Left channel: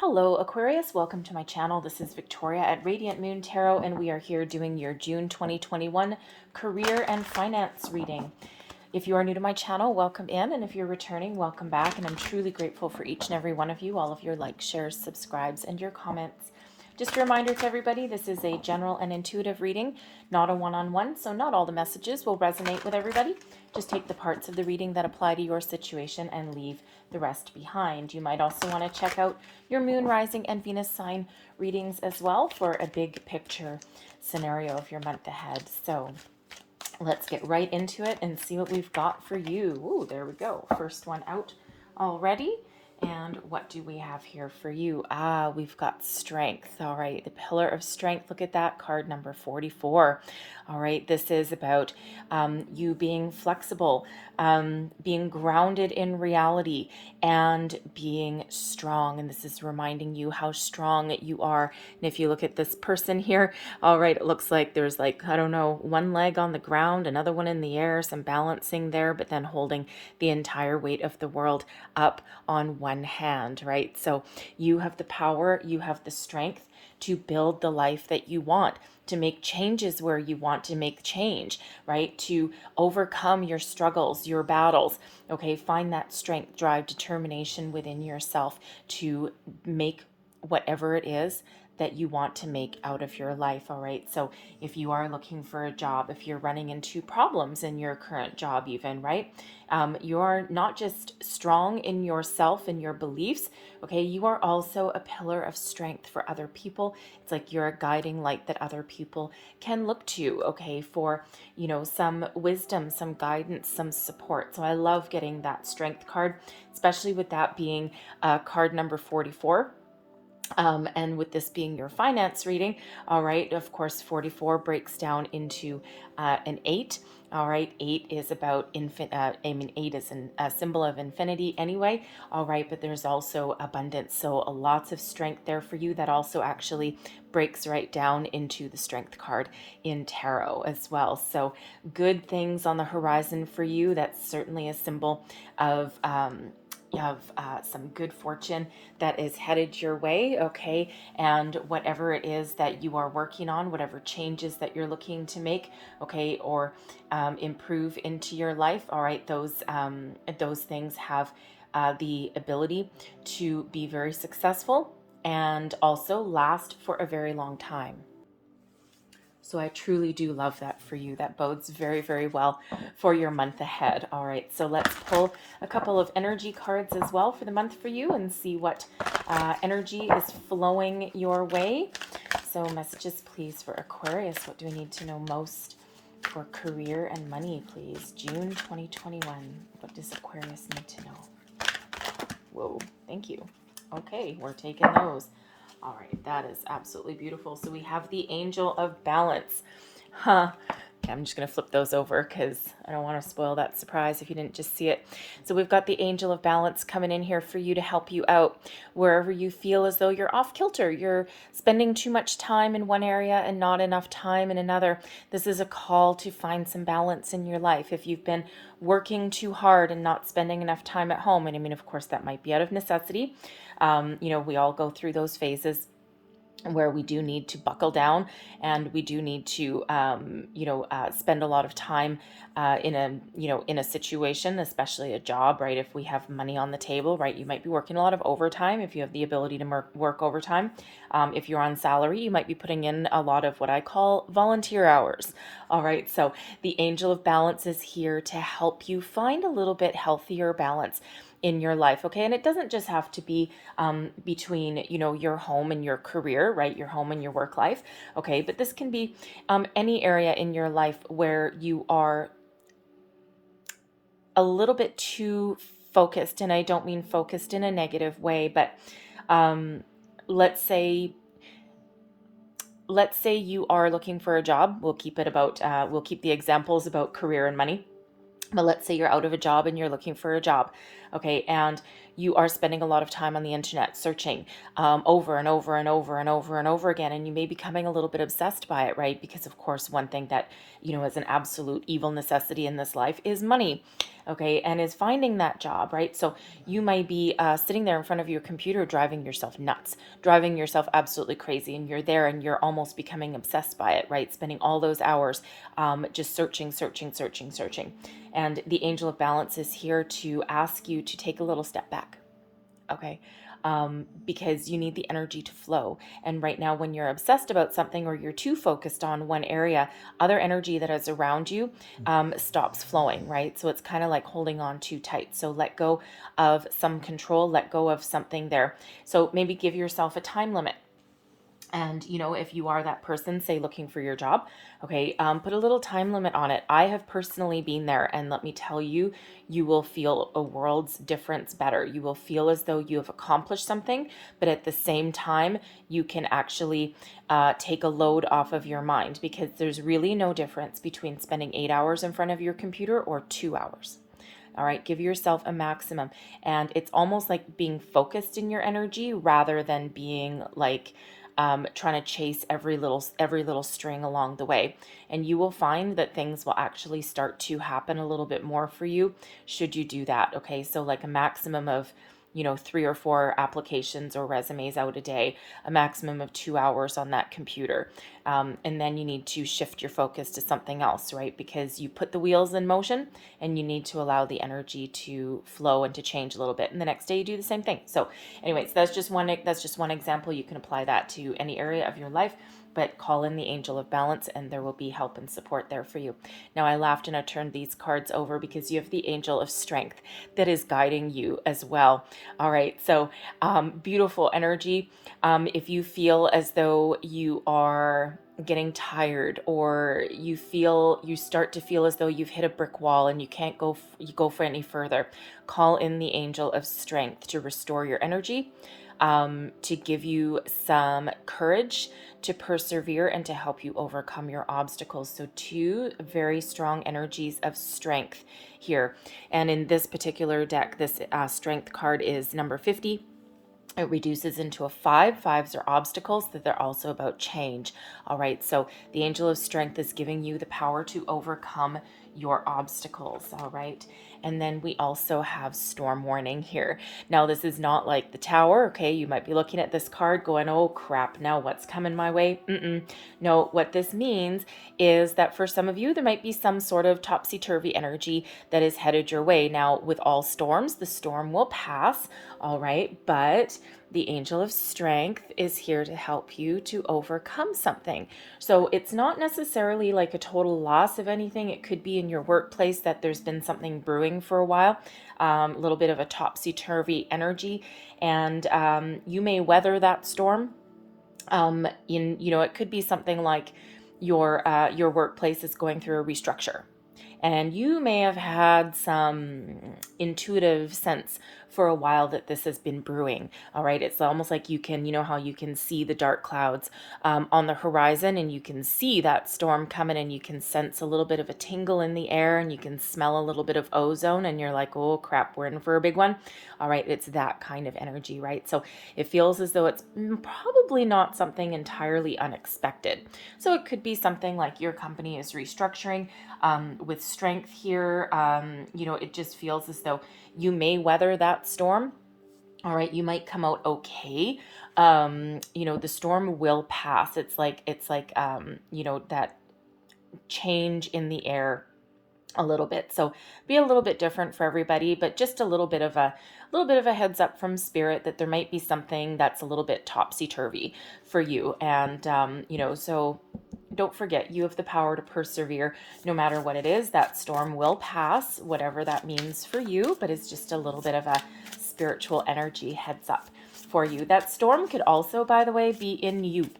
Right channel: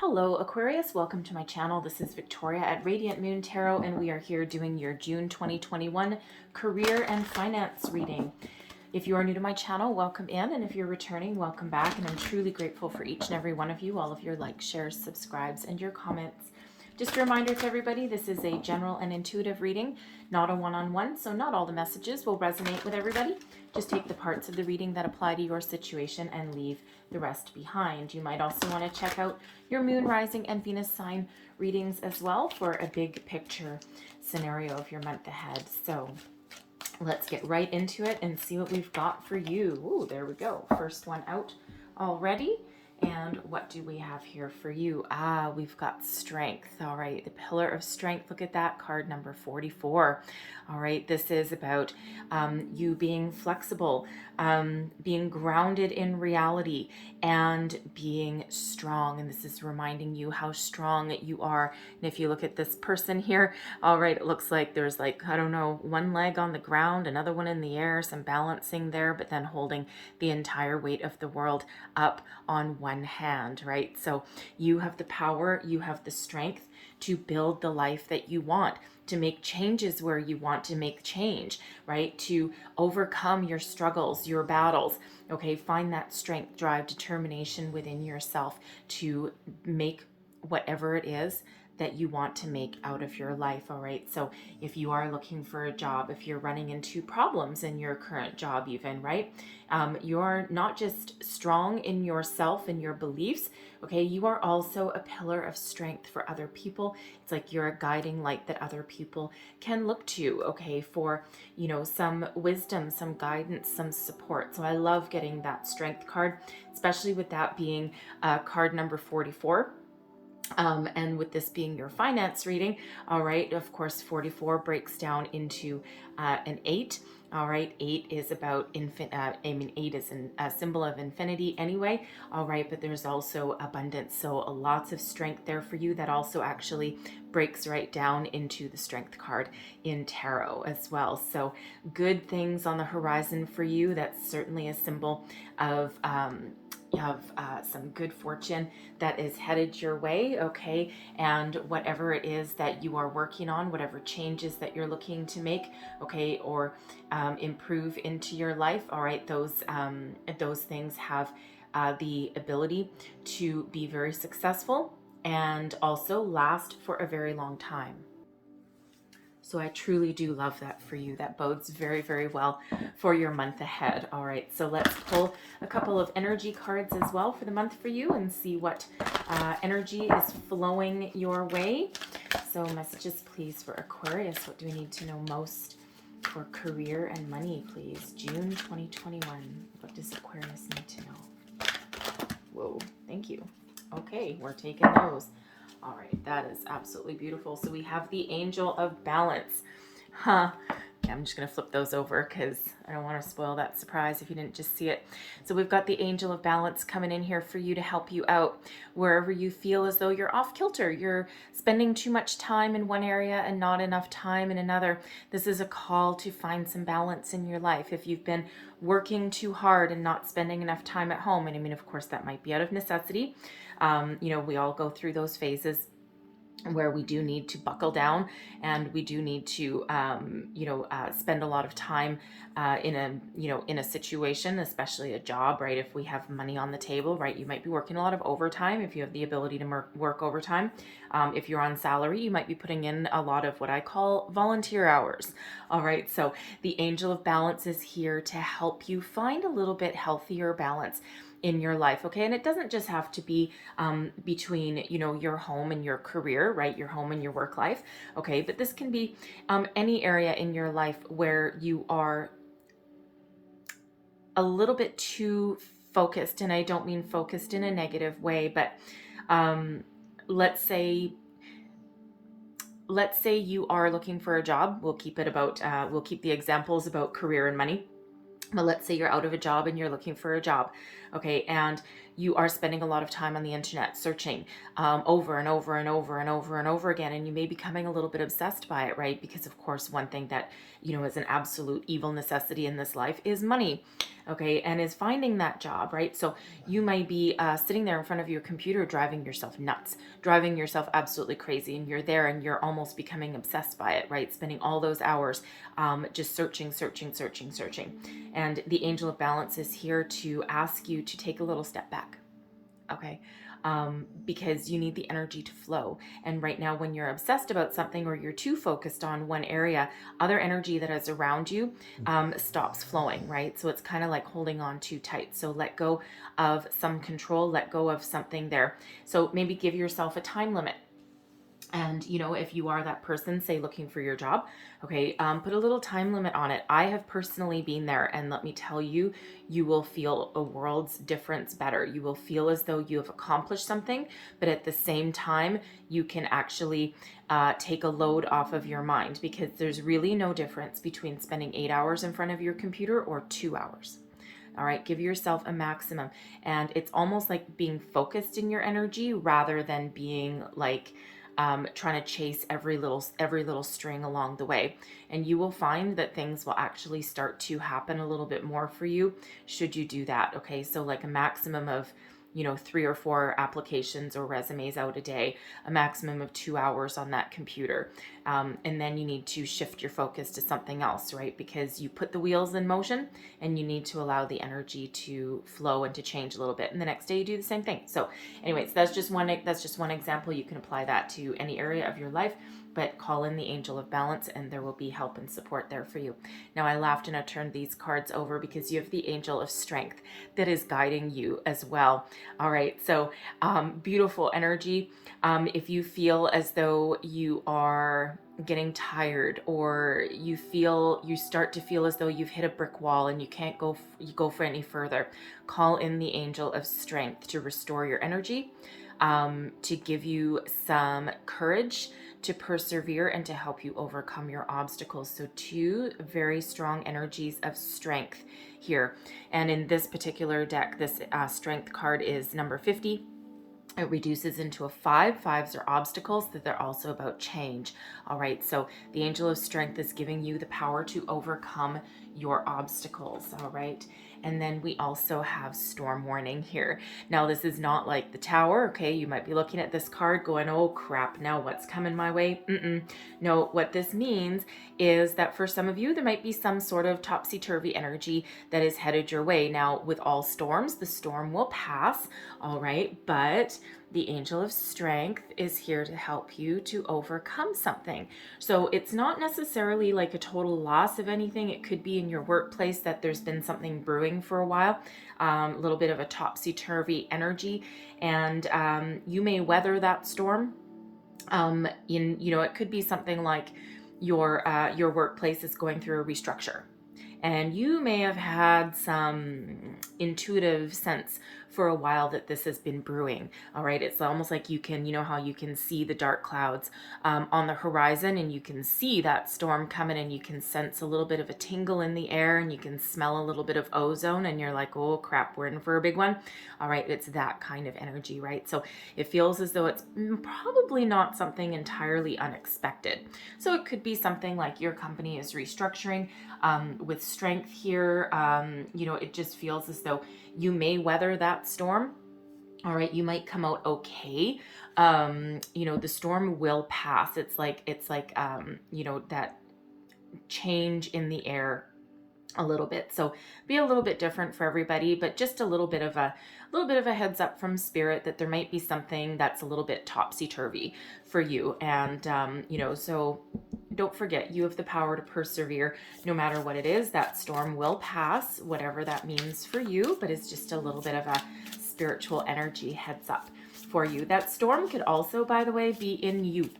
Hello Aquarius, welcome to my channel. This is Victoria at Radiant Moon Tarot, and we are here doing your June 2021 career and finance reading. If you are new to my channel, welcome in, and if you're returning, welcome back, and I'm truly grateful for each and every one of you, all of your likes, shares, subscribes, and your comments. Just a reminder to everybody, this is a general and intuitive reading, not a one-on-one, so not all the messages will resonate with everybody. Just take the parts of the reading that apply to your situation and leave the rest behind. You might also want to check out your moon, rising, and Venus sign readings as well for a big picture scenario of your month ahead. So let's get right into it and see what we've got for you. Ooh, there we go. First one out already. And what do we have here for you? We've got strength. All right, the pillar of strength. Look at that, card number 44. All right, this is about you being flexible, being grounded in reality, and being strong. And this is reminding you how strong you are. And if you look at this person here, all right, it looks like there's like, I don't know, one leg on the ground, another one in the air, some balancing there, but then holding the entire weight of the world up on one hand, right? So you have the power, you have the strength to build the life that you want, to make changes where you want to make change, right? To overcome your struggles, your battles, okay? Find that strength, drive, determination within yourself to make whatever it is that you want to make out of your life, all right? So if you are looking for a job, if you're running into problems in your current job even, right? You're not just strong in yourself and your beliefs, okay? You are also a pillar of strength for other people. It's like you're a guiding light that other people can look to, okay? For, you know, some wisdom, some guidance, some support. So I love getting that strength card, especially with that being card number 44. And with this being your finance reading, all right, of course, 44 breaks down into an 8. All right, 8 is about 8 is a symbol of infinity anyway. All right, but there's also abundance. So lots of strength there for you. That also actually breaks right down into the strength card in tarot as well. So good things on the horizon for you. That's certainly a symbol of some good fortune that is headed your way, okay? And whatever it is that you are working on, whatever changes that you're looking to make, okay, or improve into your life, all right, those things have the ability to be very successful and also last for a very long time. So I truly do love that for you. That bodes very, very well for your month ahead. All right, so let's pull a couple of energy cards as well for the month for you and see what energy is flowing your way. So messages, please, for Aquarius. What do we need to know most for career and money, please? June 2021. What does Aquarius need to know? Whoa, thank you. Okay, we're taking those. All right, that is absolutely beautiful. So we have the Angel of Balance. Okay, I'm just going to flip those over because I don't want to spoil that surprise if you didn't just see it. So we've got the Angel of Balance coming in here for you to help you out wherever you feel as though you're off kilter. You're spending too much time in one area and not enough time in another. This is a call to find some balance in your life. If you've been working too hard and not spending enough time at home, and I mean, of course, that might be out of necessity. You know, we all go through those phases where we do need to buckle down and we do need to, spend a lot of time in a situation, especially a job, right? If we have money on the table, right? You might be working a lot of overtime if you have the ability to work overtime. If you're on salary, you might be putting in a lot of what I call volunteer hours. All right. So the Angel of Balance is here to help you find a little bit healthier balance in your life, okay? And it doesn't just have to be between, you know, your home and your career, right? Your home and your work life, okay? But this can be any area in your life where you are a little bit too focused, and I don't mean focused in a negative way, but let's say you are looking for a job. We'll keep the examples about career and money. But let's say you're out of a job and you're looking for a job, okay? And you are spending a lot of time on the internet searching over and over and over and over and over again, and you may be becoming a little bit obsessed by it, right? Because of course, one thing that, you know, is an absolute evil necessity in this life is money. okay, and is finding that job, right? So you might be sitting there in front of your computer driving yourself nuts, driving yourself absolutely crazy, and you're there and you're almost becoming obsessed by it, right? Spending all those hours just searching, searching, searching, searching. And the angel of balance is here to ask you to take a little step back, okay? Because you need the energy to flow. And right now, when you're obsessed about something or you're too focused on one area, other energy that is around you stops flowing, right? So it's kind of like holding on too tight. So let go of some control, let go of something there. So maybe give yourself a time limit. And, if you are that person, say looking for your job, okay, put a little time limit on it. I have personally been there, and let me tell you, you will feel a world's difference better. You will feel as though you have accomplished something, but at the same time, you can actually take a load off of your mind, because there's really no difference between spending 8 hours in front of your computer or 2 hours. All right, give yourself a maximum. And it's almost like being focused in your energy rather than being like trying to chase every little string along the way. And you will find that things will actually start to happen a little bit more for you should you do that. Okay, so like a maximum of 3 or 4 applications or resumes out a day, a maximum of 2 hours on that computer. And then you need to shift your focus to something else, right? Because you put the wheels in motion and you need to allow the energy to flow and to change a little bit. And the next day you do the same thing. So anyways, that's just one example. You can apply that to any area of your life, but call in the angel of balance and there will be help and support there for you. Now I laughed and I turned these cards over because you have the angel of strength that is guiding you as well. All right, so beautiful energy. If you feel as though you are getting tired, or you start to feel as though you've hit a brick wall and you can't go for any further, call in the angel of strength to restore your energy, to give you some courage to persevere and to help you overcome your obstacles. So 2 very strong energies of strength here. And in this particular deck, this strength card is number 50. It reduces into a 5. 5s are obstacles, that they're also about change. All right, so the angel of strength is giving you the power to overcome your obstacles. All right. And then we also have storm warning here. Now, this is not like the tower, okay? You might be looking at this card going, oh crap, now what's coming my way? No, what this means is that for some of you, there might be some sort of topsy-turvy energy that is headed your way. Now, with all storms, the storm will pass, all right? But the angel of strength is here to help you to overcome something. So it's not necessarily like a total loss of anything. It could be in your workplace that there's been something brewing for a while, a little bit of a topsy-turvy energy, and you may weather that storm. It could be something like your workplace is going through a restructure, and you may have had some intuitive sense for a while that this has been brewing. All right, it's almost like you can, how you can see the dark clouds on the horizon, and you can see that storm coming, and you can sense a little bit of a tingle in the air, and you can smell a little bit of ozone, and you're like, oh crap, we're in for a big one. All right, it's that kind of energy, right? So it feels as though it's probably not something entirely unexpected. So it could be something like your company is restructuring. With strength here, it just feels as though you may weather that storm. All right, you might come out okay. The storm will pass. It's like that change in the air a little bit. So be a little bit different for everybody, but just a little bit of a heads up from spirit that there might be something that's a little bit topsy-turvy for you. And so don't forget, you have the power to persevere no matter what it is. That storm will pass, whatever that means for you, but it's just a little bit of a spiritual energy heads up for you. That storm could also, by the way, be in you.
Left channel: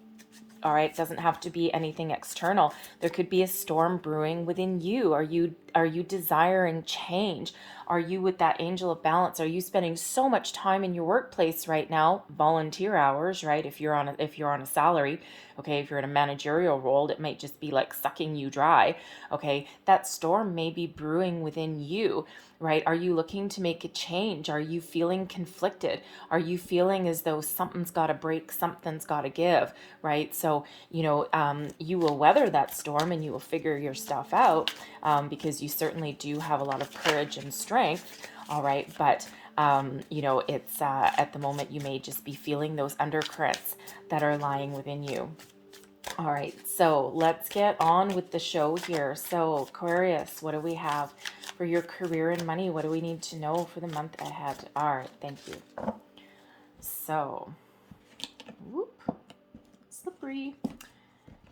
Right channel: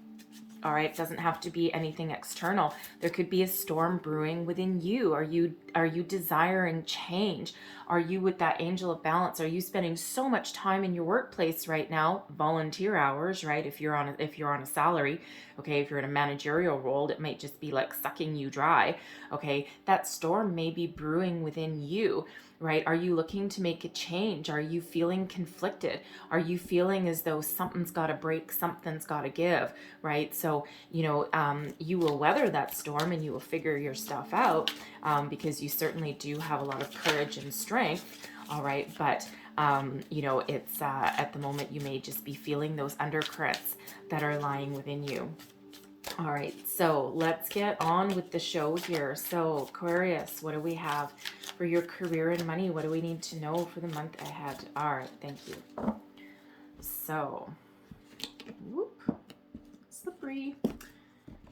All right, it doesn't have to be anything external. There could be a storm brewing within you. Are you desiring change? Are you with that angel of balance? Are you spending so much time in your workplace right now, volunteer hours, right? If you're on a salary, okay, if you're in a managerial role, it might just be like sucking you dry. Okay, that storm may be brewing within you. right? Are you looking to make a change? Are you feeling conflicted? Are you feeling as though something's got to break, something's got to give, right? So, you will weather that storm and you will figure your stuff out, because you certainly do have a lot of courage and strength, all right? But, it's at the moment you may just be feeling those undercurrents that are lying within you. All right, so let's get on with the show here. So, Aquarius, what do we have for your career and money? What do we need to know for the month ahead? All right, thank you. So, whoop, slippery.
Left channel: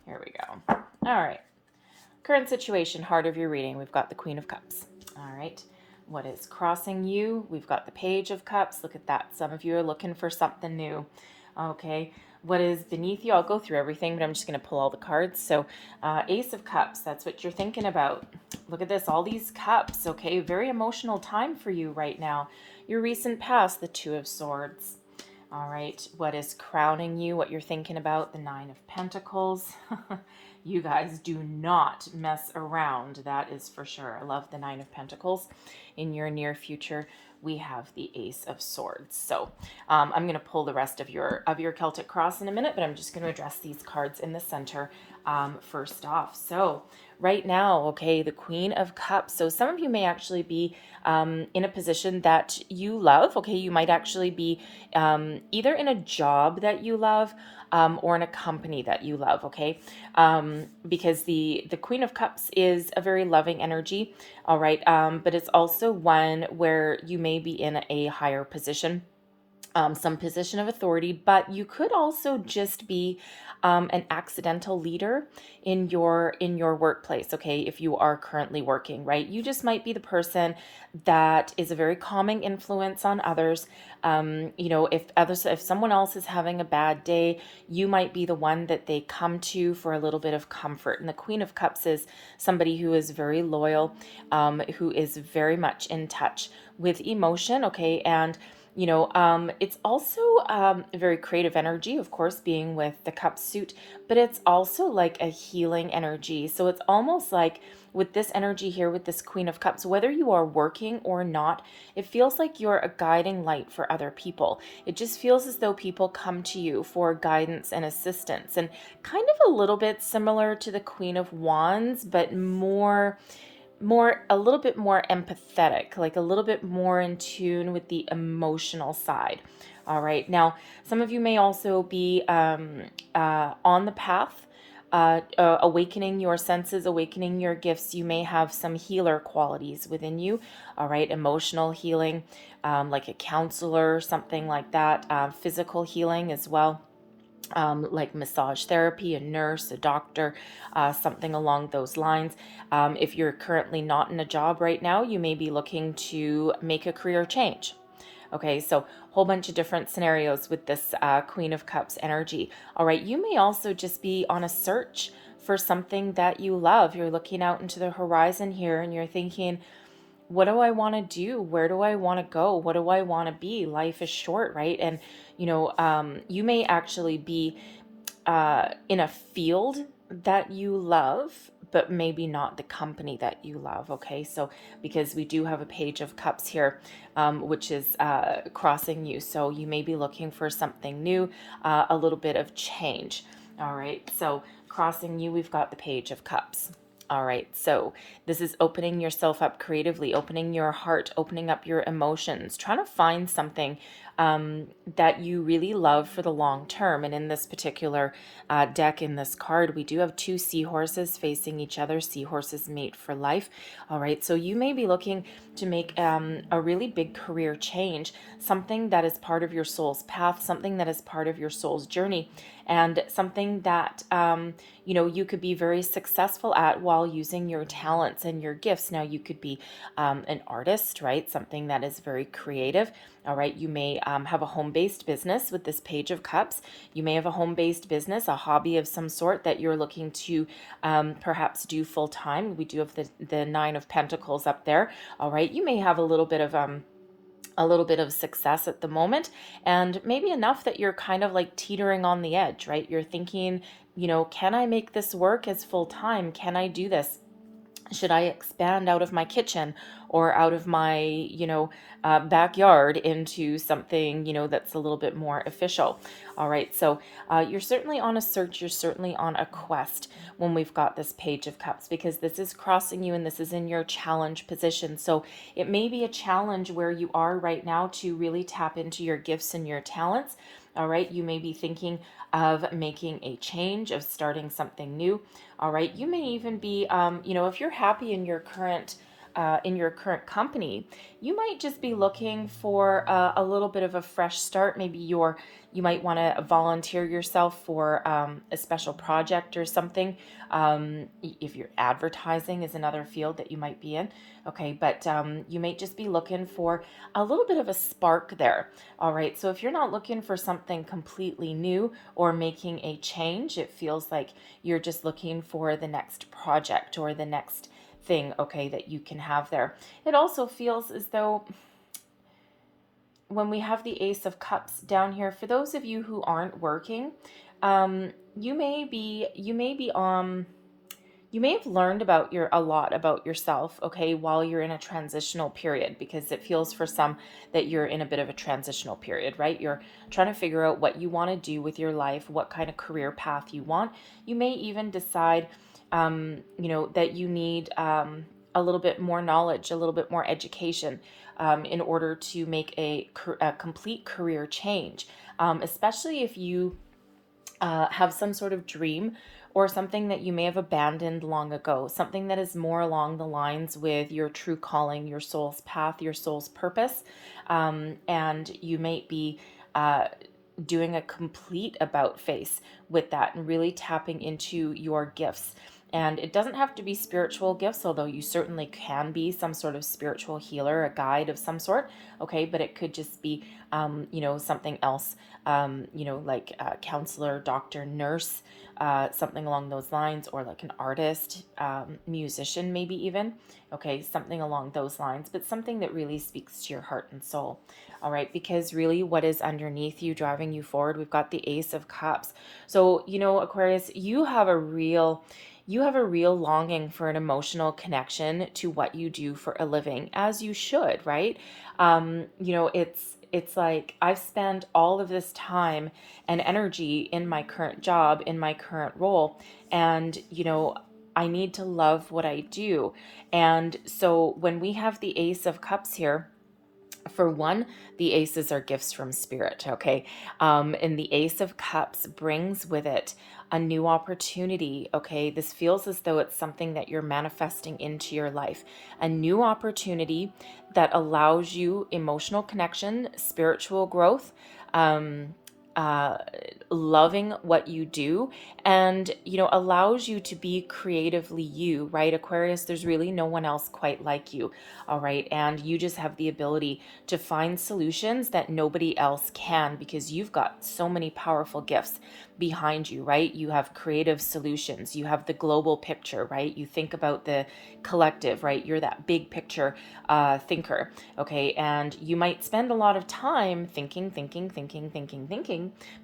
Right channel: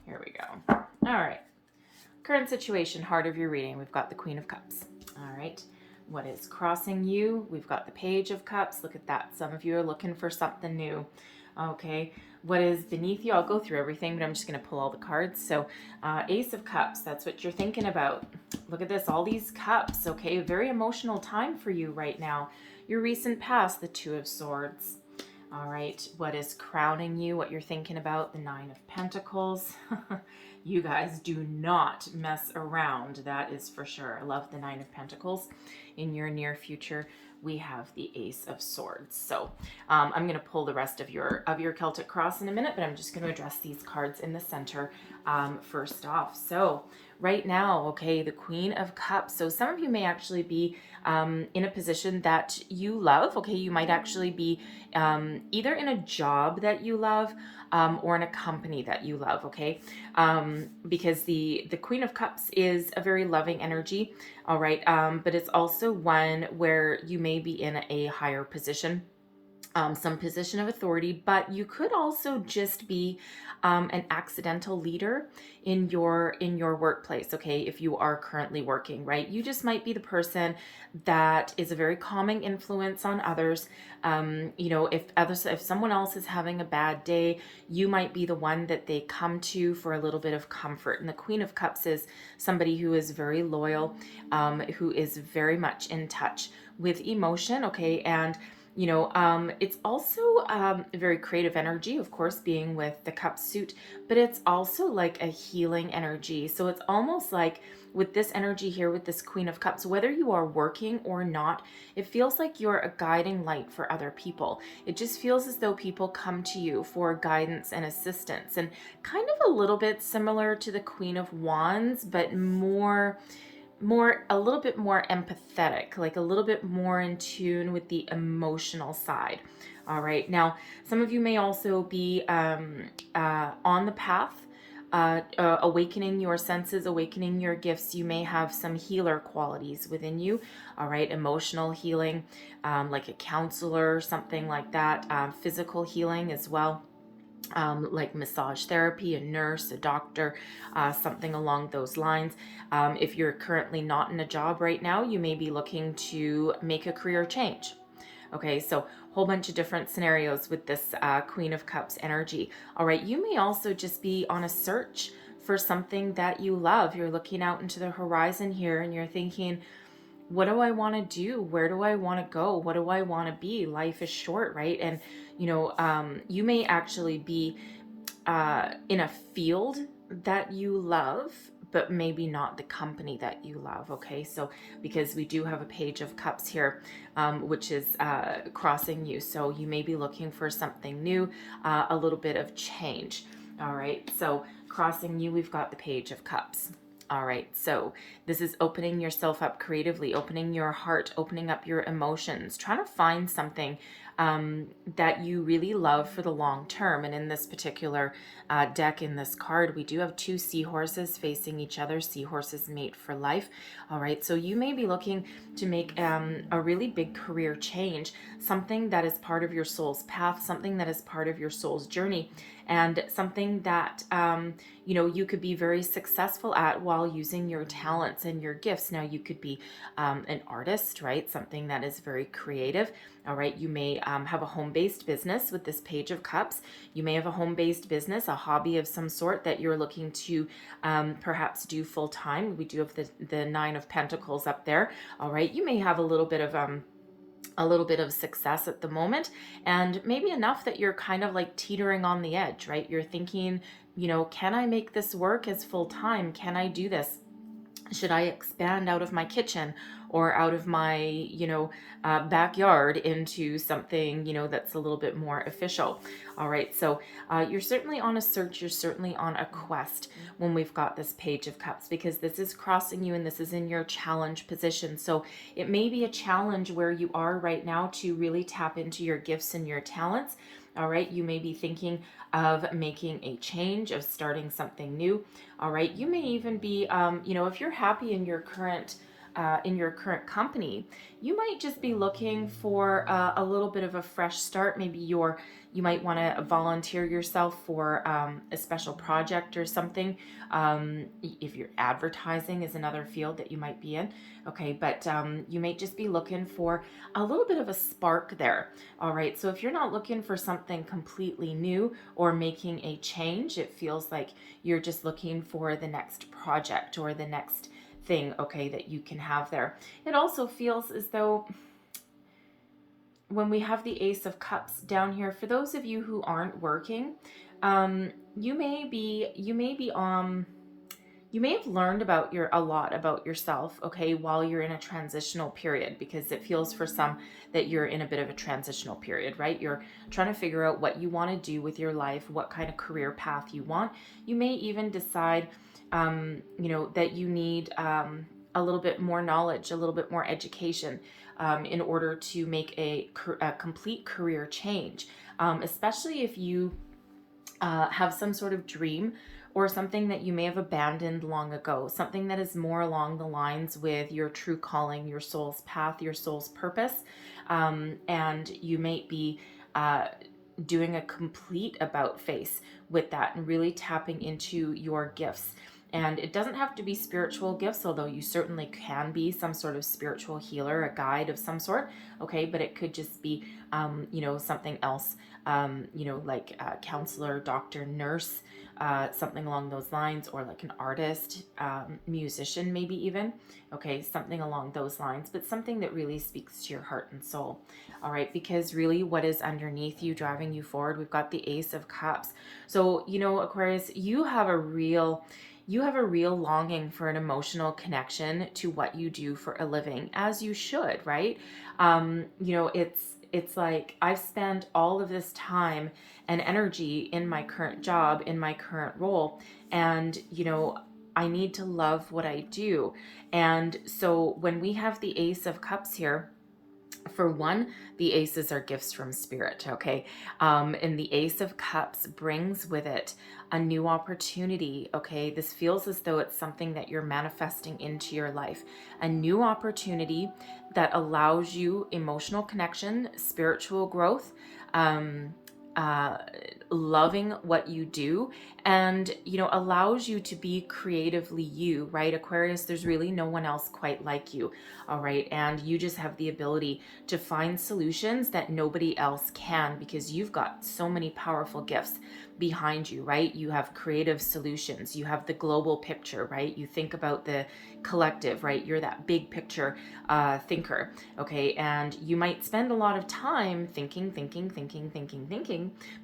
Here we go. All right, current situation, heart of your reading. We've got the Queen of Cups. All right, what is crossing you? We've got the Page of Cups. Look at that. Some of you are looking for something new. Okay, what is beneath you? I'll go through everything, but I'm just going to pull all the cards. So Ace of Cups, that's what you're thinking about. Look at this, all these cups. Okay, very emotional time for you right now. Your recent past, the Two of Swords. All right, what is crowning you? What you're thinking about, the Nine of Pentacles. You guys do not mess around, that is for sure. I love the Nine of Pentacles. In your near future, we have the Ace of Swords. So I'm going to pull the rest of your Celtic Cross in a minute, but I'm just going to address these cards in the center first off. So right now, okay, the Queen of Cups. So some of you may actually be in a position that you love. Okay, you might actually be either in a job that you love, or in a company that you love, okay? Because the Queen of Cups is a very loving energy, all right? But it's also one where you may be in a higher position, some position of authority, but you could also just be an accidental leader in your workplace, okay? If you are currently working, right? You just might be the person that is a very calming influence on others. If someone else is having a bad day, you might be the one that they come to for a little bit of comfort. And the Queen of Cups is somebody who is very loyal, who is very much in touch with emotion, okay? And it's also a very creative energy, of course, being with the cup suit, but it's also like a healing energy. So it's almost like with this energy here, with this Queen of Cups, whether you are working or not, it feels like you're a guiding light for other people. It just feels as though people come to you for guidance and assistance, and kind of a little bit similar to the Queen of Wands, but a little bit more empathetic, like a little bit more in tune with the emotional side. All right, now some of you may also be on the path, awakening your senses, awakening your gifts. You may have some healer qualities within you. All right, emotional healing, like a counselor, something like that. Physical healing as well. Like massage therapy, a nurse, a doctor, something along those lines. If you're currently not in a job right now, you may be looking to make a career change. Okay, so whole bunch of different scenarios with this Queen of Cups energy. All right, you may also just be on a search for something that you love. You're looking out into the horizon here and you're thinking, what do I want to do? Where do I want to go? What do I want to be? Life is short, right? And, you may actually be in a field that you love, but maybe not the company that you love, okay? So, because we do have a Page of Cups here, which is crossing you. So you may be looking for something new, a little bit of change, all right? So crossing you, we've got the Page of Cups. All right, so this is opening yourself up creatively, opening your heart, opening up your emotions, trying to find something that you really love for the long term. And in this particular deck, in this card, we do have two seahorses facing each other. Seahorses mate for life. All right, so you may be looking to make a really big career change, something that is part of your soul's path, something that is part of your soul's journey, and something that you could be very successful at while using your talents and your gifts. Now, you could be an artist, right? Something that is very creative. All right, you may have a home-based business with this Page of Cups. You may have a home-based business, a hobby of some sort that you're looking to perhaps do full-time. We do have the Nine of Pentacles up there. All right, you may have a little bit of success at the moment, and maybe enough that you're kind of like teetering on the edge, right? You're thinking, can I make this work as full-time? Can I do this? Should I expand out of my kitchen? or out of my, backyard into something, that's a little bit more official. All right. So you're certainly on a search. You're certainly on a quest when we've got this Page of Cups, because this is crossing you and this is in your challenge position. So it may be a challenge where you are right now to really tap into your gifts and your talents. All right. You may be thinking of making a change, of starting something new. All right. You may even be, if you're happy in your current company, you might just be looking for a little bit of a fresh start. Maybe you might want to volunteer yourself for a special project or something. If you're advertising is another field that you might be in. Okay, but you may just be looking for a little bit of a spark there. All right, so if you're not looking for something completely new or making a change, it feels like you're just looking for the next project or the next thing, okay, that you can have there. It also feels as though when we have the Ace of Cups down here, for those of you who aren't working, you may have learned a lot about yourself, okay, while you're in a transitional period, because it feels for some that you're in a bit of a transitional period, right? You're trying to figure out what you want to do with your life, what kind of career path you want. You may even decide, that you need a little bit more knowledge, a little bit more education in order to make a complete career change, especially if you have some sort of dream or something that you may have abandoned long ago, something that is more along the lines with your true calling, your soul's path, your soul's purpose. And you might be doing a complete about face with that and really tapping into your gifts. And it doesn't have to be spiritual gifts, although you certainly can be some sort of spiritual healer, a guide of some sort. Okay, but it could just be, something else, like a counselor, doctor, nurse, something along those lines, or like an artist, musician, maybe even. Okay, something along those lines, but something that really speaks to your heart and soul. All right, because really what is underneath you, driving you forward, we've got the Ace of Cups. So, Aquarius, you have a real longing for an emotional connection to what you do for a living, as you should, right? It's like I've spent all of this time and energy in my current job, in my current role, and I need to love what I do. And so when we have the Ace of Cups here, for one, the aces are gifts from spirit, okay? And the Ace of Cups brings with it a new opportunity, okay? This feels as though it's something that you're manifesting into your life, a new opportunity that allows you emotional connection, spiritual growth, um, uh, loving what you do, and allows you to be creatively you, right, Aquarius? There's really no one else quite like you. All right, and you just have the ability to find solutions that nobody else can, because you've got so many powerful gifts behind you, right? You have creative solutions, you have the global picture, right? You think about the collective, right? You're that big picture thinker, okay? And you might spend a lot of time thinking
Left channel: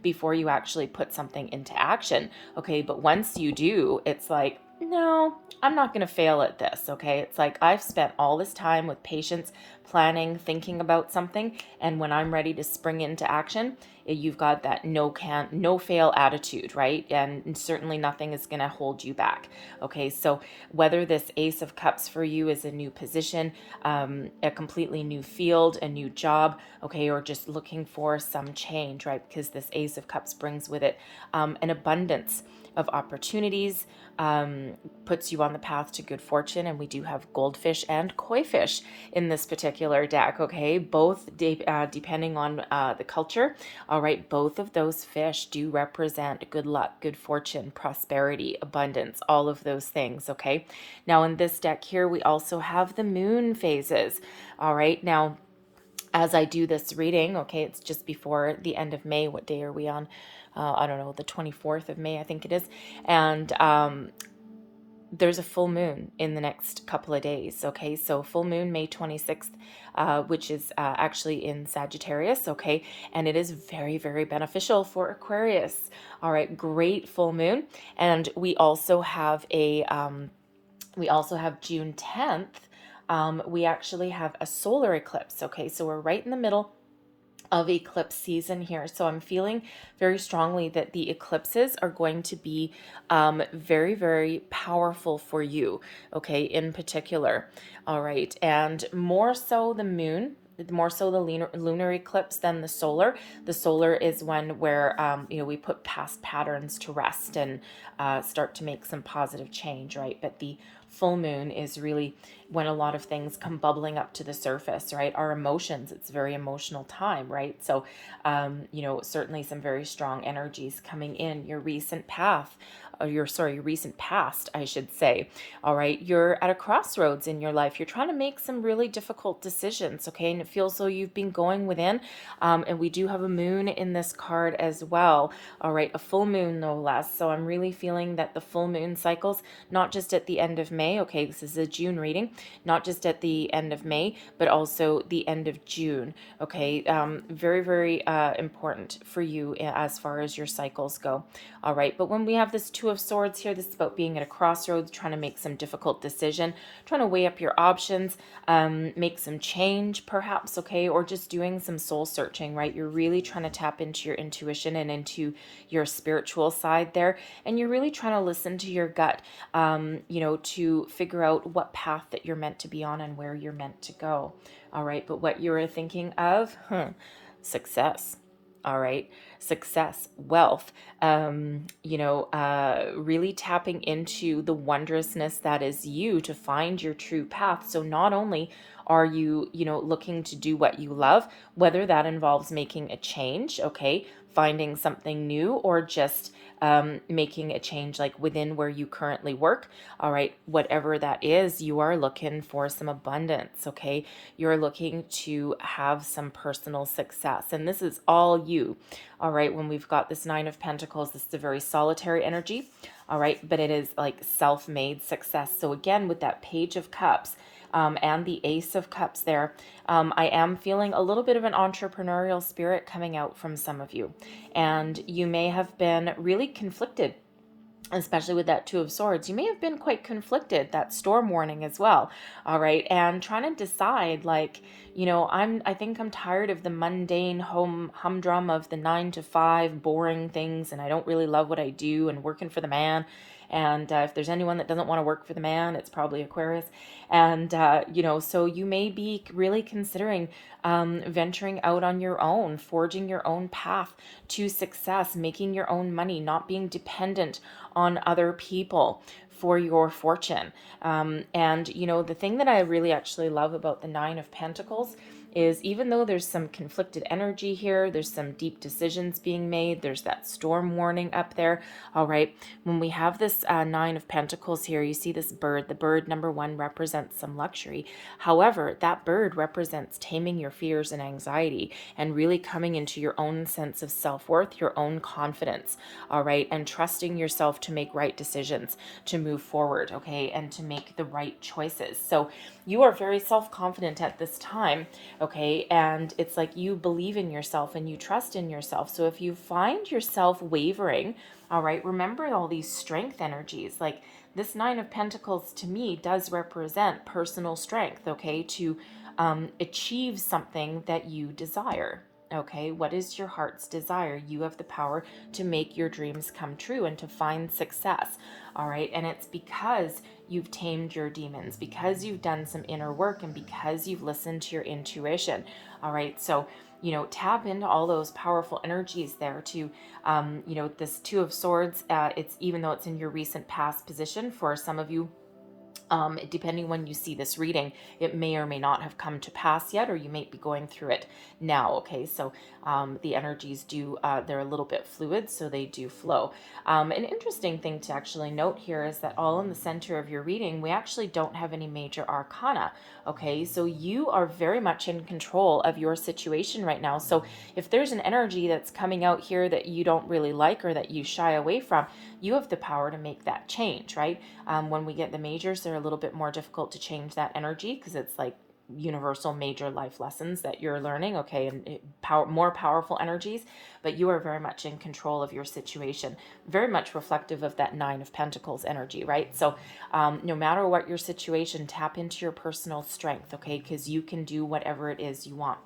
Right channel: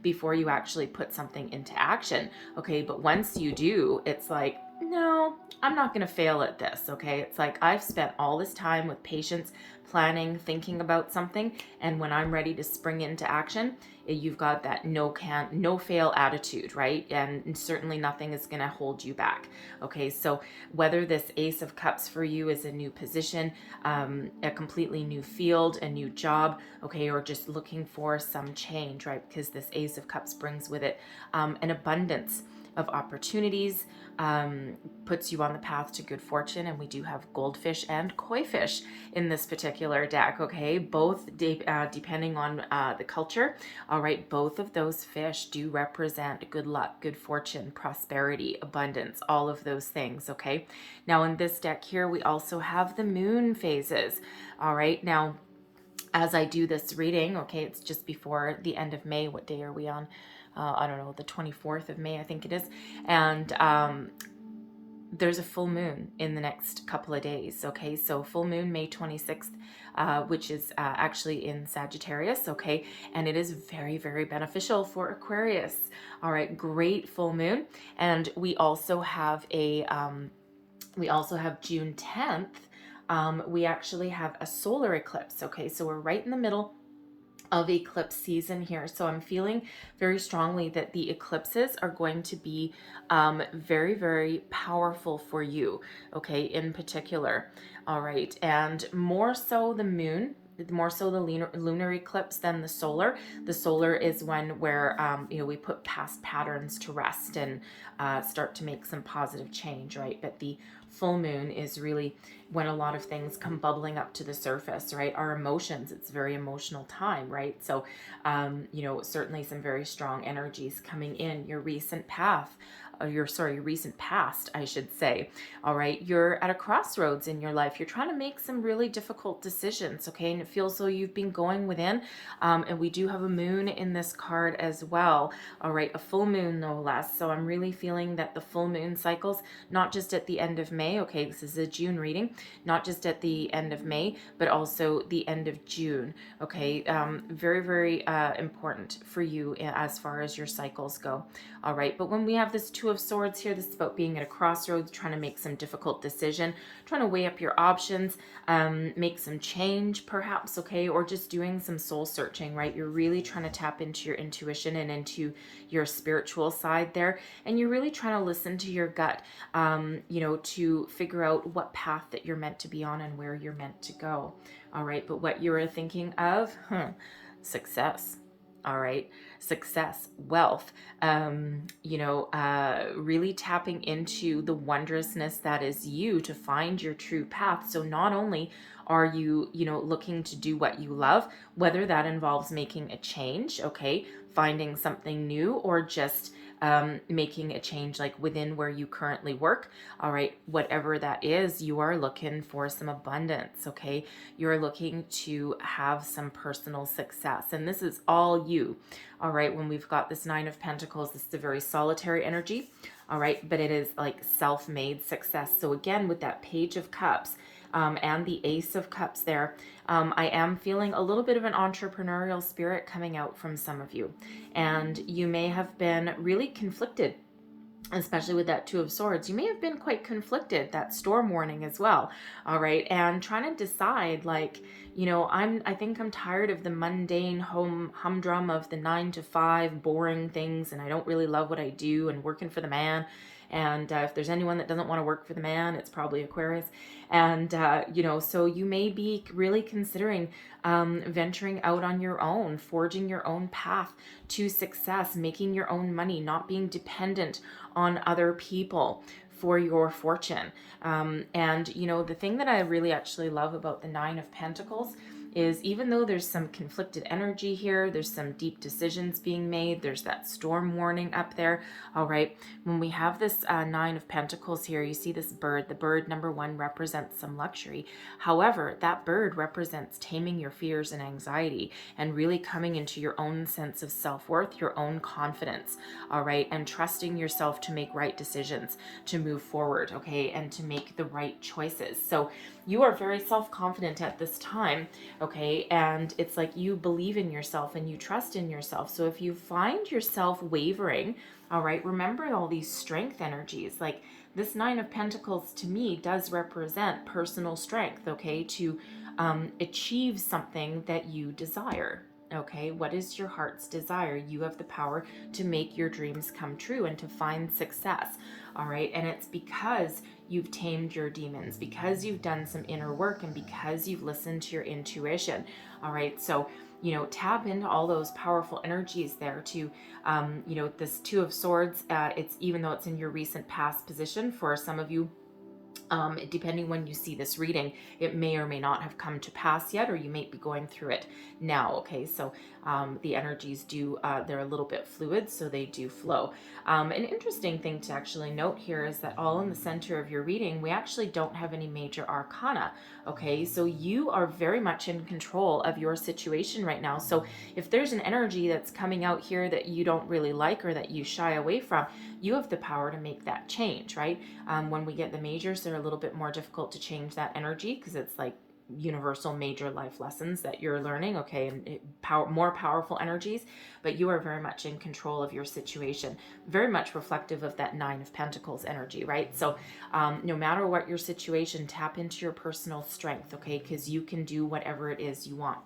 before you actually put something into action, okay? But once you do, it's like, no, I'm not going to fail at this, okay? It's like I've spent all this time with patience, planning, thinking about something, and when I'm ready to spring into action, you've got that no fail attitude, right? And certainly nothing is going to hold you back. Okay, so whether this Ace of Cups for you is a new position, a completely new field, a new job, okay, or just looking for some change, right? Because this Ace of Cups brings with it an abundance of opportunities, puts you on the path to good fortune. And we do have goldfish and koi fish in this particular deck, okay? Both depending on the culture. All right, both of those fish do represent good luck, good fortune, prosperity, abundance, all of those things, okay? Now in this deck here, we also have the moon phases. All right, now as I do this reading, okay, it's just before the end of May. What day are we on? I don't know, the 24th of May, I think it is. And there's a full moon in the next couple of days, okay? So full moon, May 26th, which is actually in Sagittarius, okay? And it is very, very beneficial for Aquarius. All right, great full moon. And we also have June 10th, we actually have a solar eclipse. Okay, so we're right in the middle of eclipse season here. So I'm feeling very strongly that the eclipses are going to be very, very powerful for you, okay, in particular. All right. And more so the moon. More so the lunar eclipse than the solar. The solar is one where we put past patterns to rest and start to make some positive change, right? But the full moon is really when a lot of things come bubbling up to the surface, right? Our emotions, it's a very emotional time, right? So, certainly some very strong energies coming in. Your recent path, your recent past, I should say. All right, you're at a crossroads in your life. You're trying to make some really difficult decisions, okay? And it feels though you've been going within. And we do have a moon in this card as well. All right, a full moon no less. So I'm really feeling that the full moon cycles, not just at the end of May, okay, this is a June reading, not just at the end of May, but also the end of June, okay? Very, very important for you as far as your cycles go. All right, but when we have this Two of Swords here, this is about being at a crossroads, trying to make some difficult decision, trying to weigh up your options, make some change perhaps, okay, or just doing some soul searching, right? You're really trying to tap into your intuition and into your spiritual side there, and you're really trying to listen to your gut, to figure out what path that you're meant to be on and where you're meant to go. All right, but what you're thinking of, success. All right, success, wealth, really tapping into the wondrousness that is you to find your true path. So not only are you, looking to do what you love, whether that involves making a change, okay, finding something new, or just making a change like within where you currently work. All right, whatever that is, you are looking for some abundance, okay? You're looking to have some personal success, and this is all you. All right, when we've got this Nine of Pentacles, this is a very solitary energy. All right, but it is like self-made success. So again, with that Page of Cups, and the Ace of Cups there, I am feeling a little bit of an entrepreneurial spirit coming out from some of you. And you may have been really conflicted, especially with that Two of Swords. You may have been quite conflicted, that storm warning as well. All right. And trying to decide, like, I think I'm tired of the mundane humdrum of the 9 to 5 boring things, and I don't really love what I do, and working for the man. And if there's anyone that doesn't want to work for the man, it's probably Aquarius. And, so you may be really considering venturing out on your own, forging your own path to success, making your own money, not being dependent on other people for your fortune. The thing that I really actually love about the Nine of Pentacles is, even though there's some conflicted energy here, there's some deep decisions being made, there's that storm warning up there. All right, when we have this Nine of Pentacles here, you see this bird. The bird, number one, represents some luxury. However, that bird represents taming your fears and anxiety and really coming into your own sense of self-worth, your own confidence. All right, and trusting yourself to make right decisions, to move forward, okay, and to make the right choices. So you are very self-confident at this time, okay, and it's like you believe in yourself and you trust in yourself. So if you find yourself wavering, all right, remember all these strength energies. Like, this Nine of Pentacles to me does represent personal strength, okay, to achieve something that you desire. Okay, what is your heart's desire? You have the power to make your dreams come true and to find success. All right, and it's because you've tamed your demons, because you've done some inner work, and because you've listened to your intuition. All right, so tap into all those powerful energies there to, this Two of Swords, it's, even though it's in your recent past position, for some of you, depending when you see this reading, it may or may not have come to pass yet, or you may be going through it now. Okay, so the energies they're a little bit fluid, so they do flow. An interesting thing to actually note here is that all in the center of your reading, we actually don't have any major arcana. Okay, so you are very much in control of your situation right now. So if there's an energy that's coming out here that you don't really like or that you shy away from, you have the power to make that change, right? When we get the majors, they're a little bit more difficult to change that energy because it's like universal major life lessons that you're learning, okay, and more powerful energies. but you are very much in control of your situation, very much reflective of that Nine of Pentacles energy, right? So no matter what your situation, tap into your personal strength, okay? Because you can do whatever it is you want.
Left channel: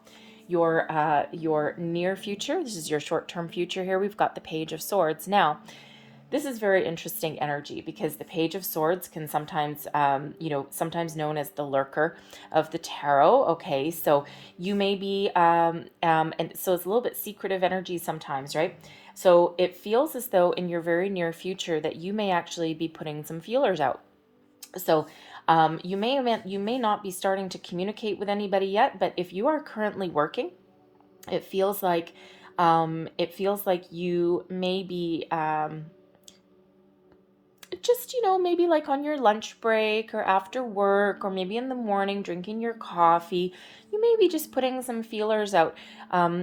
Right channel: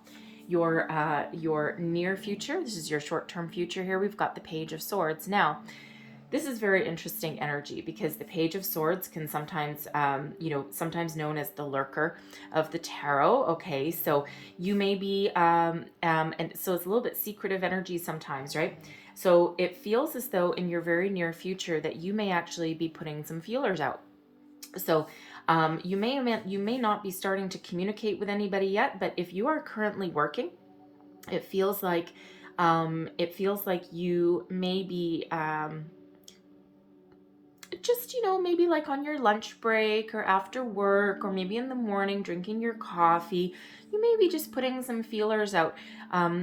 Your near future, this is your short-term future here, we've got the Page of Swords. Now, this is very interesting energy because the Page of Swords can sometimes, sometimes known as the lurker of the tarot. Okay, so you may be, and so it's a little bit secretive energy sometimes, right? So it feels as though in your very near future that you may actually be putting some feelers out. So you may not be starting to communicate with anybody yet, but if you are currently working, it feels like you may be just, maybe like on your lunch break or after work or maybe in the morning drinking your coffee. You may be just putting some feelers out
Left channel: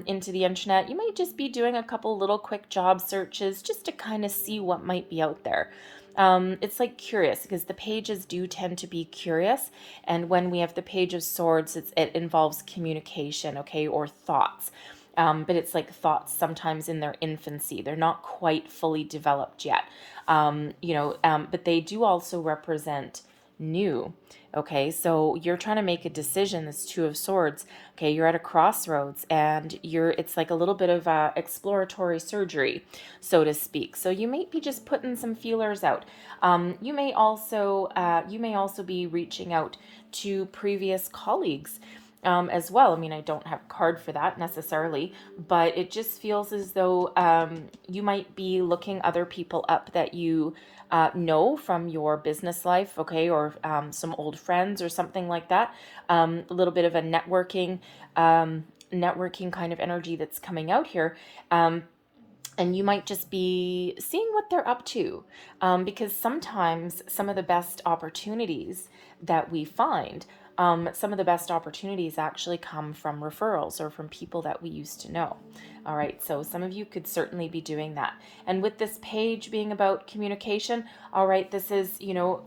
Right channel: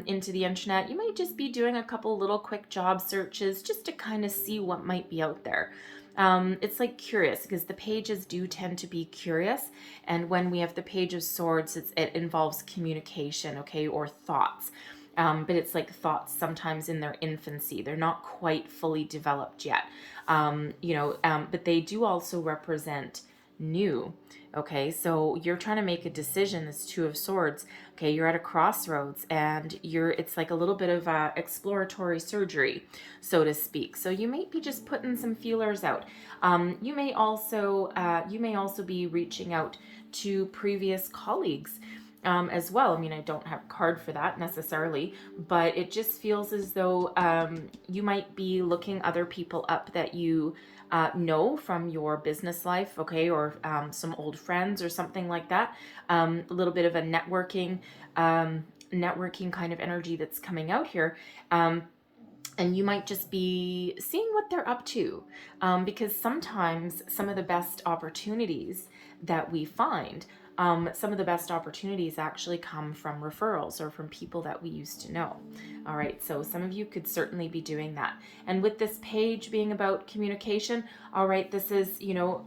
into the internet. You might just be doing a couple little quick job searches just to kind of see what might be out there. It's like curious, because the pages do tend to be curious. And when we have the Page of Swords, it involves communication, okay, or thoughts. But it's like thoughts sometimes in their infancy. They're not quite fully developed yet. But they do also represent new. Okay, so you're trying to make a decision. This Two of Swords. Okay, you're at a crossroads, and it's like a little bit of exploratory surgery, so to speak. So you may be just putting some feelers out. You may also be reaching out to previous colleagues. As well. I mean, I don't have a card for that necessarily, but it just feels as though you might be looking other people up that you know from your business life, okay, or some old friends or something like that. A little bit of a networking kind of energy that's coming out here. And you might just be seeing what they're up to, because sometimes some of the best opportunities that we find, some of the best opportunities actually come from referrals or from people that we used to know. All right, so some of you could certainly be doing that. And with this page being about communication, all right, this is,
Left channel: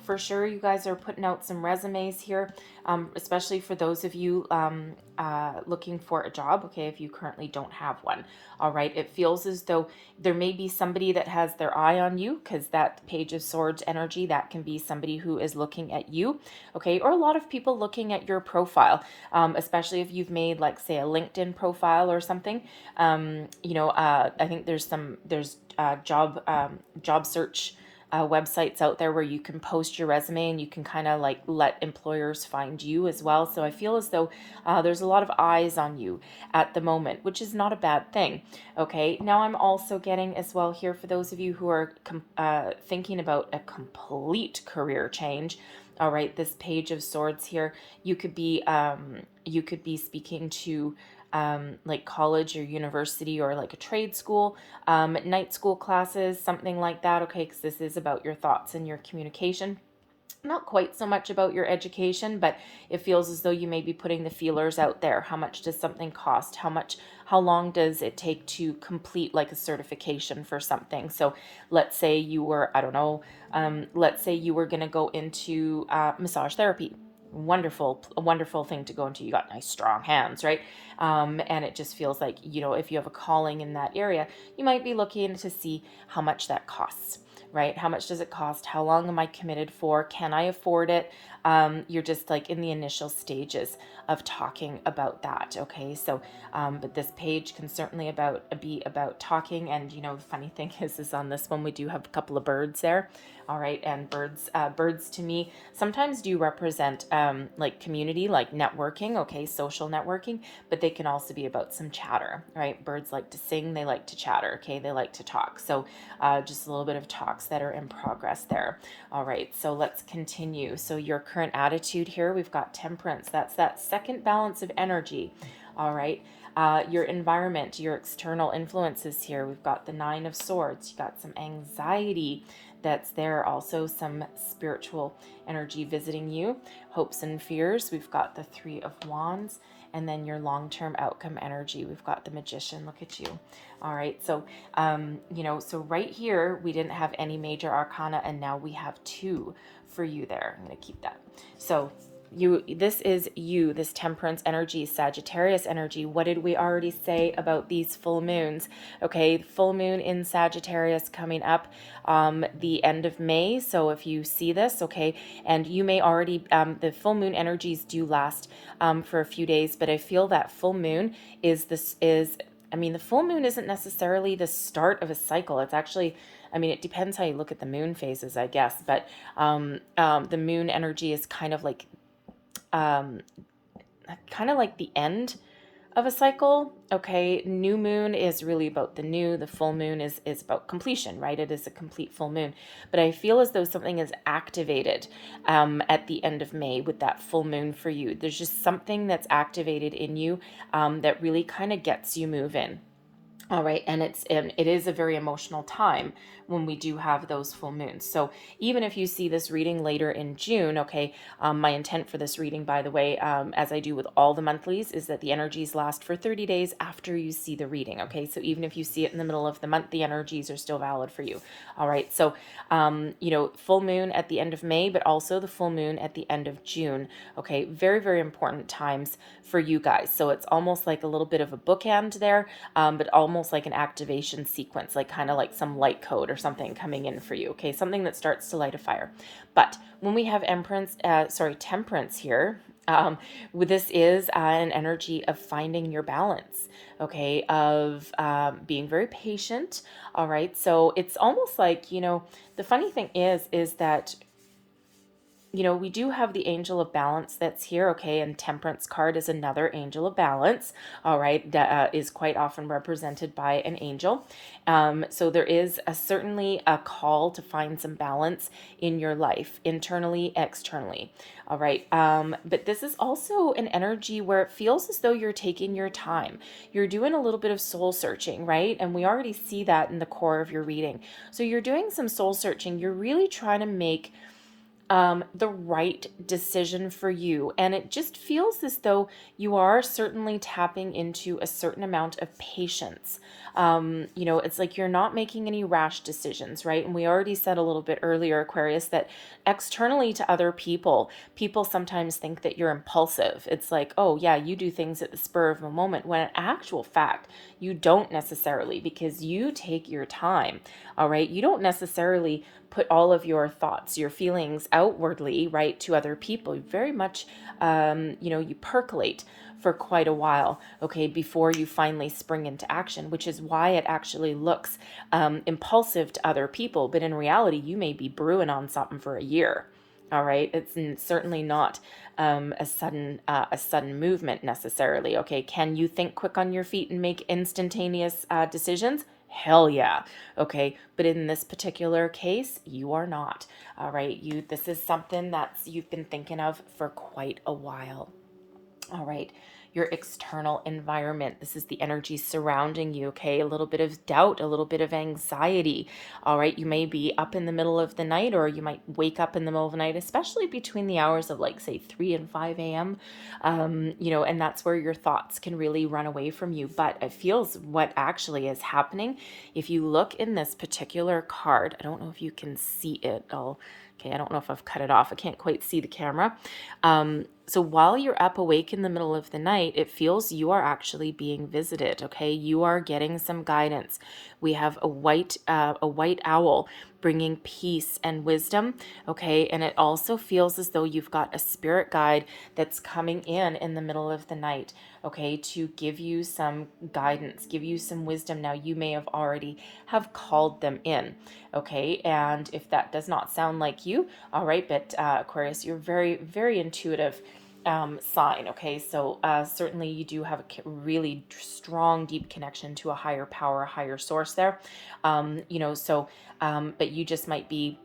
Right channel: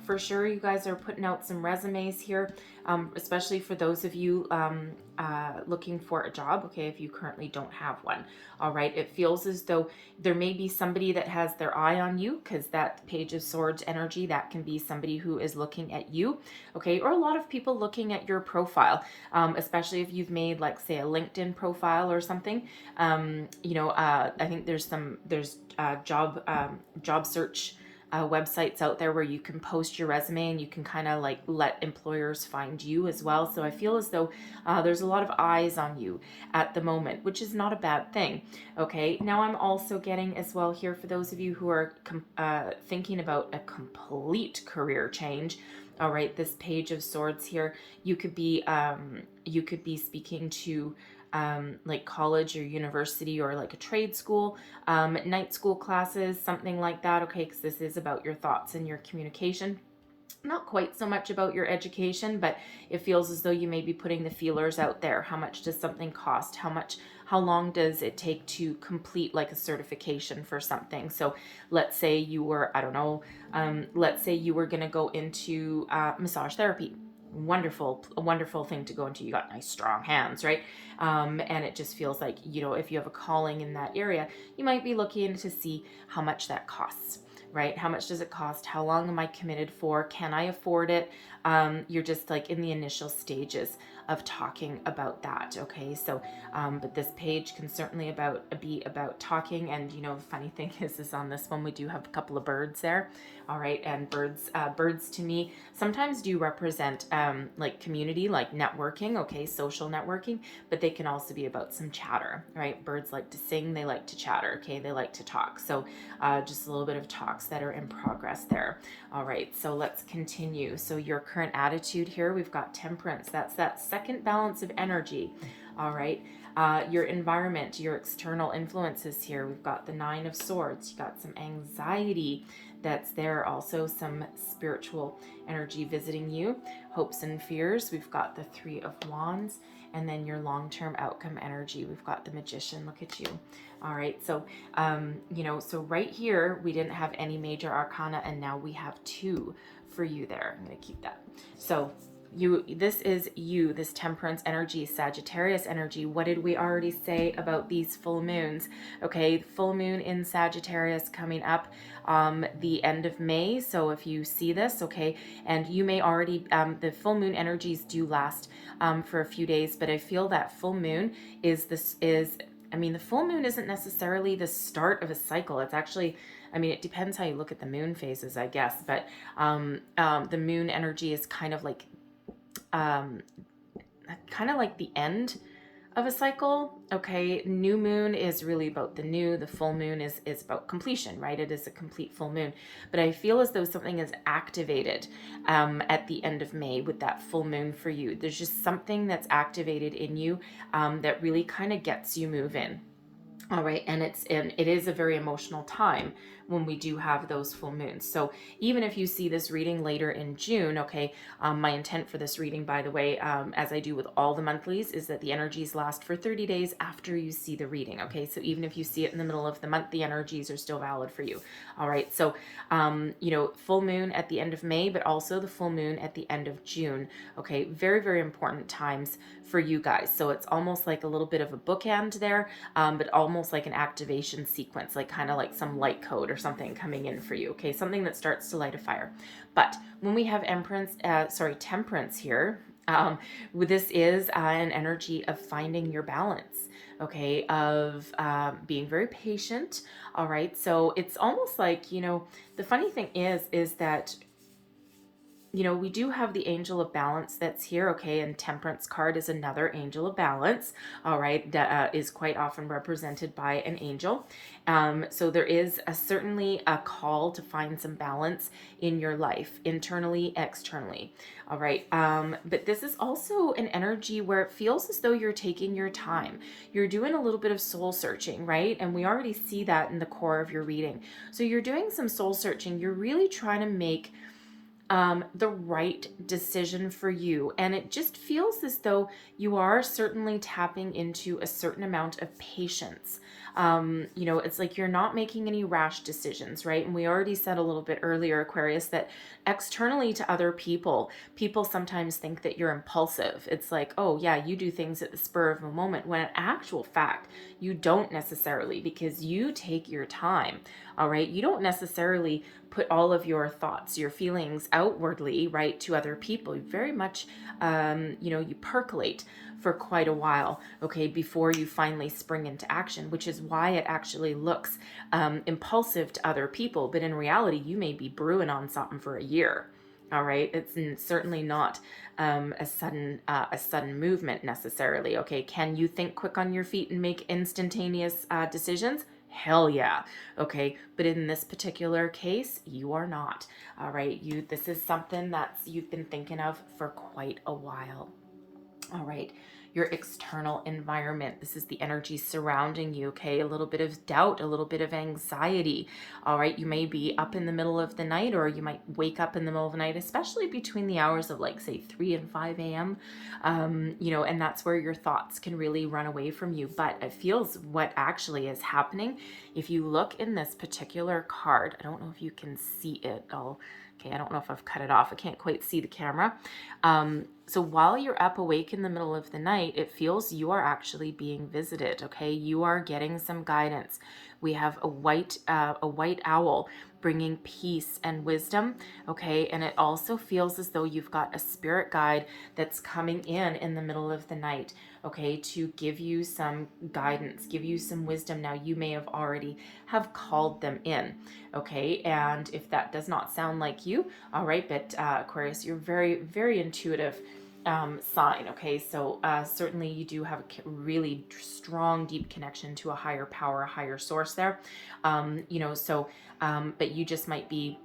for sure you guys are putting out some resumes here, especially for those of you looking for a job, okay, if you currently don't have one. All right, it feels as though there may be somebody that has their eye on you, because that Page of Swords energy, that can be somebody who is looking at you, okay, or a lot of people looking at your profile, especially if you've made, like, say, a LinkedIn profile or something. I think there's job search websites out there where you can post your resume and you can kind of like let employers find you as well. So I feel as though there's a lot of eyes on you at the moment, which is not a bad thing. Okay, now I'm also getting as well here, for those of you who are thinking about a complete career change. All right, this Page of Swords here, you could be speaking to like college or university or like a trade school, night school classes, something like that. Okay, because this is about your thoughts and your communication. Not quite so much about your education, but it feels as though you may be putting the feelers out there. How much does something cost? How long does it take to complete like a certification for something? So let's say you were, I don't know, let's say you were going to go into massage therapy. A wonderful thing to go into. You got nice strong hands, right? And it just feels like, if you have a calling in that area, you might be looking to see how much that costs, right? How much does it cost? How long am I committed for? Can I afford it? You're just like in the initial stages of talking about that. Okay, so but this page can certainly be about talking. And the funny thing is on this one we do have a couple of birds there. All right, and birds to me sometimes do represent like community, like networking, okay, social networking, but they can also be about some chatter, right? Birds like to sing, they like to chatter, okay, they like to talk. So just a little bit of talks that are in progress there. All right, so let's continue. So your current attitude here, we've got Temperance. That's that second balance of energy. All right, your environment, your external influences here. We've got the Nine of Swords. You got some anxiety that's there. Also some spiritual energy visiting you. Hopes and fears. We've got the Three of Wands. And then your long-term outcome energy. We've got the Magician. Look at you. All right, so so right here we didn't have any major arcana, and now we have two for you there. I'm going to keep that. So this is you, this Temperance energy, Sagittarius energy. What did we already say about these full moons? Okay, full moon in Sagittarius coming up the end of May. So if you see this, okay, and you may already, the full moon energies do last for a few days, but I feel that full moon the full moon isn't necessarily the start of a cycle. It's actually, it depends how you look at the moon phases, I guess, but the moon energy is um, kind of like the end of a cycle. Okay, new moon is really about the full moon is about completion, right? It is a complete full moon. But I feel as though something is activated at the end of May with that full moon for you. There's just something that's activated in you that really kind of gets you moving. All right, and it is a very emotional time when we do have those full moons. So even if you see this reading later in June, okay, my intent for this reading, by the way, as I do with all the monthlies, is that the energies last for 30 days after you see the reading. Okay, so even if you see it in the middle of the month, the energies are still valid for you. All right, so full moon at the end of May, but also the full moon at the end of June. Okay, very, very important times for you guys. So it's almost like a little bit of a bookend there, but almost like an activation sequence, like kind of like some light code or something coming in for you. Okay, something that starts to light a fire. But when we have temperance here, this is an energy of finding your balance. Okay, of being very patient. All right, so it's almost like, the funny thing is that we do have the angel of balance that's here, okay, and temperance card is another angel of balance, all right, that is quite often represented by an angel. So there is certainly a call to find some balance in your life, internally, externally, all right. But this is also an energy where it feels as though you're taking your time. You're doing a little bit of soul searching, right? And we already see that in the core of your reading. So you're doing some soul searching. You're really trying to make the right decision for you. And it just feels as though you are certainly tapping into a certain amount of patience. It's like you're not making any rash decisions, right? And we already said a little bit earlier, Aquarius, that externally to other people sometimes think that you're impulsive. It's like, oh yeah, you do things at the spur of a moment, when in actual fact, you don't necessarily, because you take your time. All right. You don't necessarily put all of your thoughts, your feelings outwardly, right, to other people. You very much, you percolate for quite a while, okay, before you finally spring into action, which is why it actually looks impulsive to other people. But in reality, you may be brewing on something for a year. All right. It's certainly not a sudden movement necessarily. Okay. Can you think quick on your feet and make instantaneous decisions? Hell yeah. Okay. But in this particular case, you are not. All right. This is something you've been thinking of for quite a while. All right. Your external environment. This is the energy surrounding you, okay? A little bit of doubt, a little bit of anxiety. All right. You may be up in the middle of the night, or you might wake up in the middle of the night, especially between the hours of say 3 and 5 a.m. And that's where your thoughts can really run away from you. But it feels what actually is happening. If you look in this particular card, I don't know if you can see it. Okay, I don't know if I've cut it off. I can't quite see the camera. So while you're up awake in the middle of the night, it feels you are actually being visited, okay? You are getting some guidance. We have a white owl bringing peace and wisdom, okay? And it also feels as though you've got a spirit guide that's coming in the middle of the night, okay, to give you some guidance, give you some wisdom. Now, you may have already have called them in, okay? And if that does not sound like you, all right, but Aquarius, you're very, very intuitive sign, okay? So certainly you do have a really strong, deep connection to a higher power, a higher source there, but you just might be,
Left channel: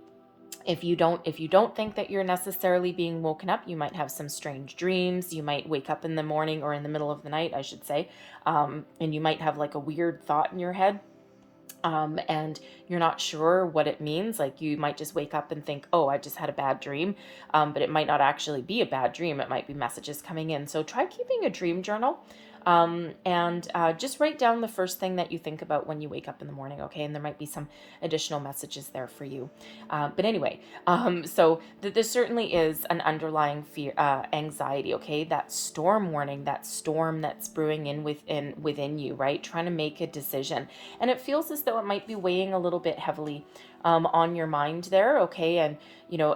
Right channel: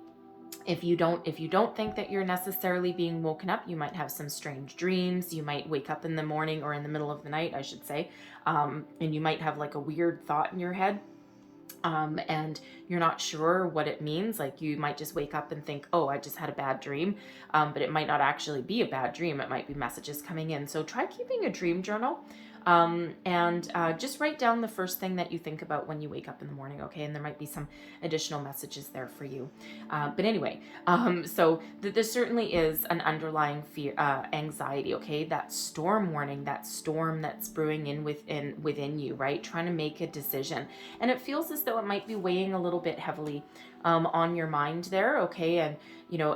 if you don't think that you're necessarily being woken up, you might have some strange dreams. You might wake up in the morning, or in the middle of the night, I should say, and you might have like a weird thought in your head, and you're not sure what it means. Like, you might just wake up and think, oh, I just had a bad dream, but it might not actually be a bad dream. It might be messages coming in. So try keeping a dream journal. And just write down the first thing that you think about when you wake up in the morning, okay? And there might be some additional messages there for you. But anyway, so there certainly is an underlying fear, anxiety, okay? That storm warning, that storm that's brewing within you, right? Trying to make a decision. And it feels as though it might be weighing a little bit heavily on your mind there, okay? And,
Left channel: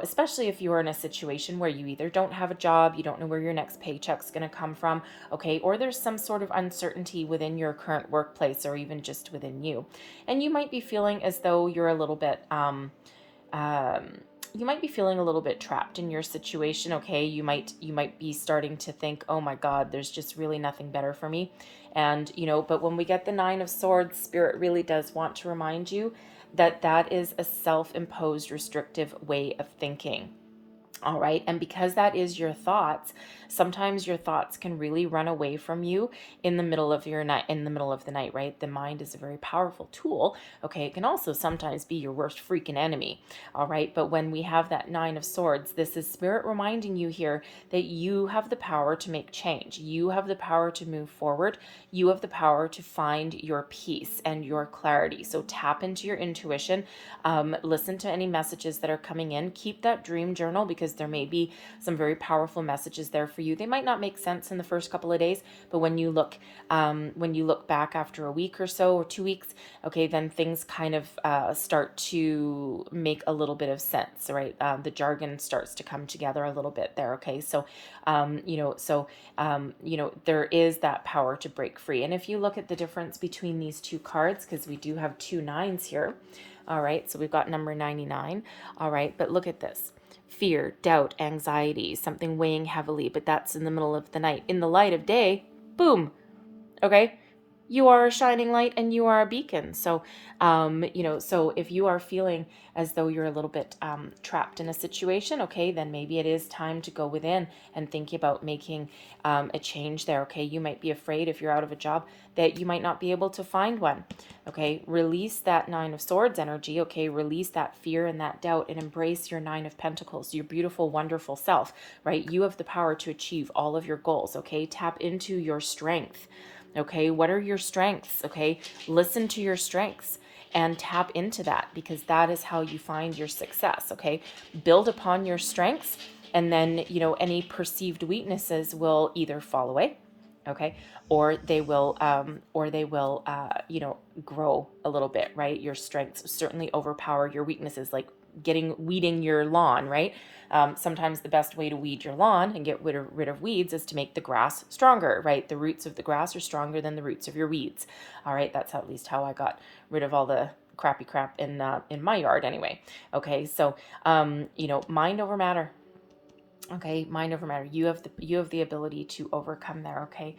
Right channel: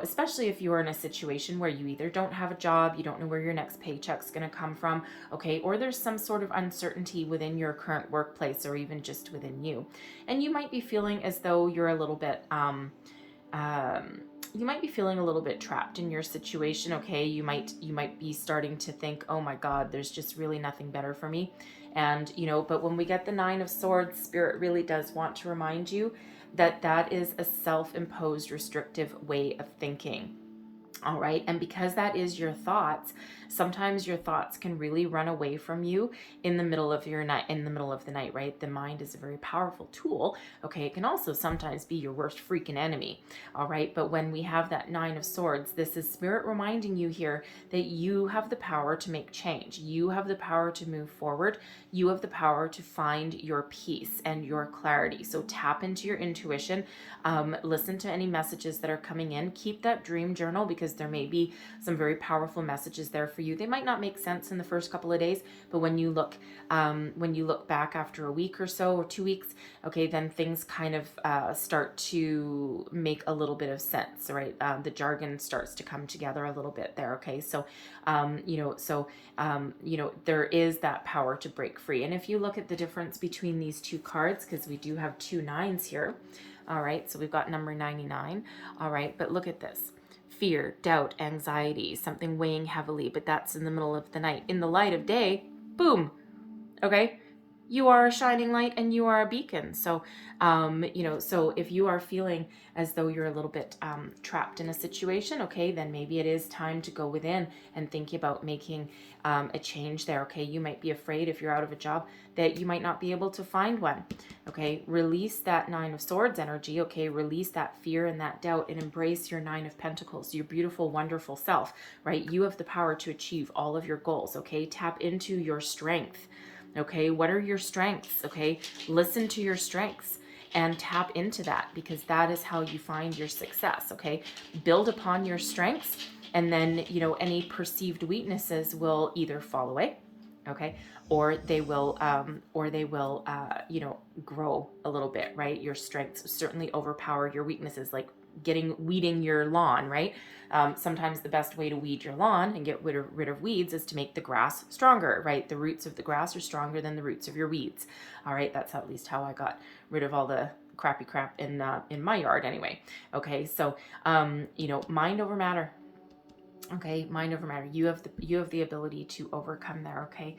especially if you're in a situation where you either don't have a job, you don't know where your next paycheck's going to come from, okay? Or there's some sort of uncertainty within your current workplace or even just within you. And you might be feeling as though you're a little bit, you might be feeling a little bit trapped in your situation, okay? You might be starting to think, oh my God, there's just really nothing better for me. And, but when we get the Nine of Swords, Spirit really does want to remind you that that is a self-imposed restrictive way of thinking. All right. And because that is your thoughts, sometimes your thoughts can really run away from you in the middle of the night, right? The mind is a very powerful tool. Okay. It can also sometimes be your worst freaking enemy. All right. But when we have that Nine of Swords, this is Spirit reminding you here that you have the power to make change. You have the power to move forward. You have the power to find your peace and your clarity. So tap into your intuition. Listen to any messages that are coming in. Keep that dream journal because there may be some very powerful messages there for you. They might not make sense in the first couple of days, but when you look back after a week or so or 2 weeks, okay, then things kind of start to make a little bit of sense, right? The jargon starts to come together a little bit there. Okay, so there is that power to break free. And if you look at the difference between these two cards, because we do have two nines here. All right, so we've got number 99. All right, but look at this. Fear, doubt, anxiety, something weighing heavily, but that's in the middle of the night. In the light of day, boom. Okay, you are a shining light and you are a beacon. So, so if you are feeling as though you're a little bit trapped in a situation, okay, then maybe it is time to go within and think about making a change there. Okay, you might be afraid if you're out of a job that you might not be able to find one. Okay, release that Nine of Swords energy. Okay, release that fear and that doubt and embrace your Nine of Pentacles, your beautiful, wonderful self, right? You have the power to achieve all of your goals. Okay, tap into your strength. Okay, what are your strengths? Okay, listen to your strengths and tap into that because that is how you find your success. Okay, build upon your strengths and then, any perceived weaknesses will either fall away, okay, or they will grow a little bit, right? Your strengths certainly overpower your weaknesses, like weeding your lawn, right? Sometimes the best way to weed your lawn and get rid of weeds is to make the grass stronger, right? The roots of the grass are stronger than the roots of your weeds. All right, that's at least how I got rid of all the crappy crap in my yard anyway. Okay, so mind over matter. Okay, mind over matter. You have the ability to overcome there. Okay,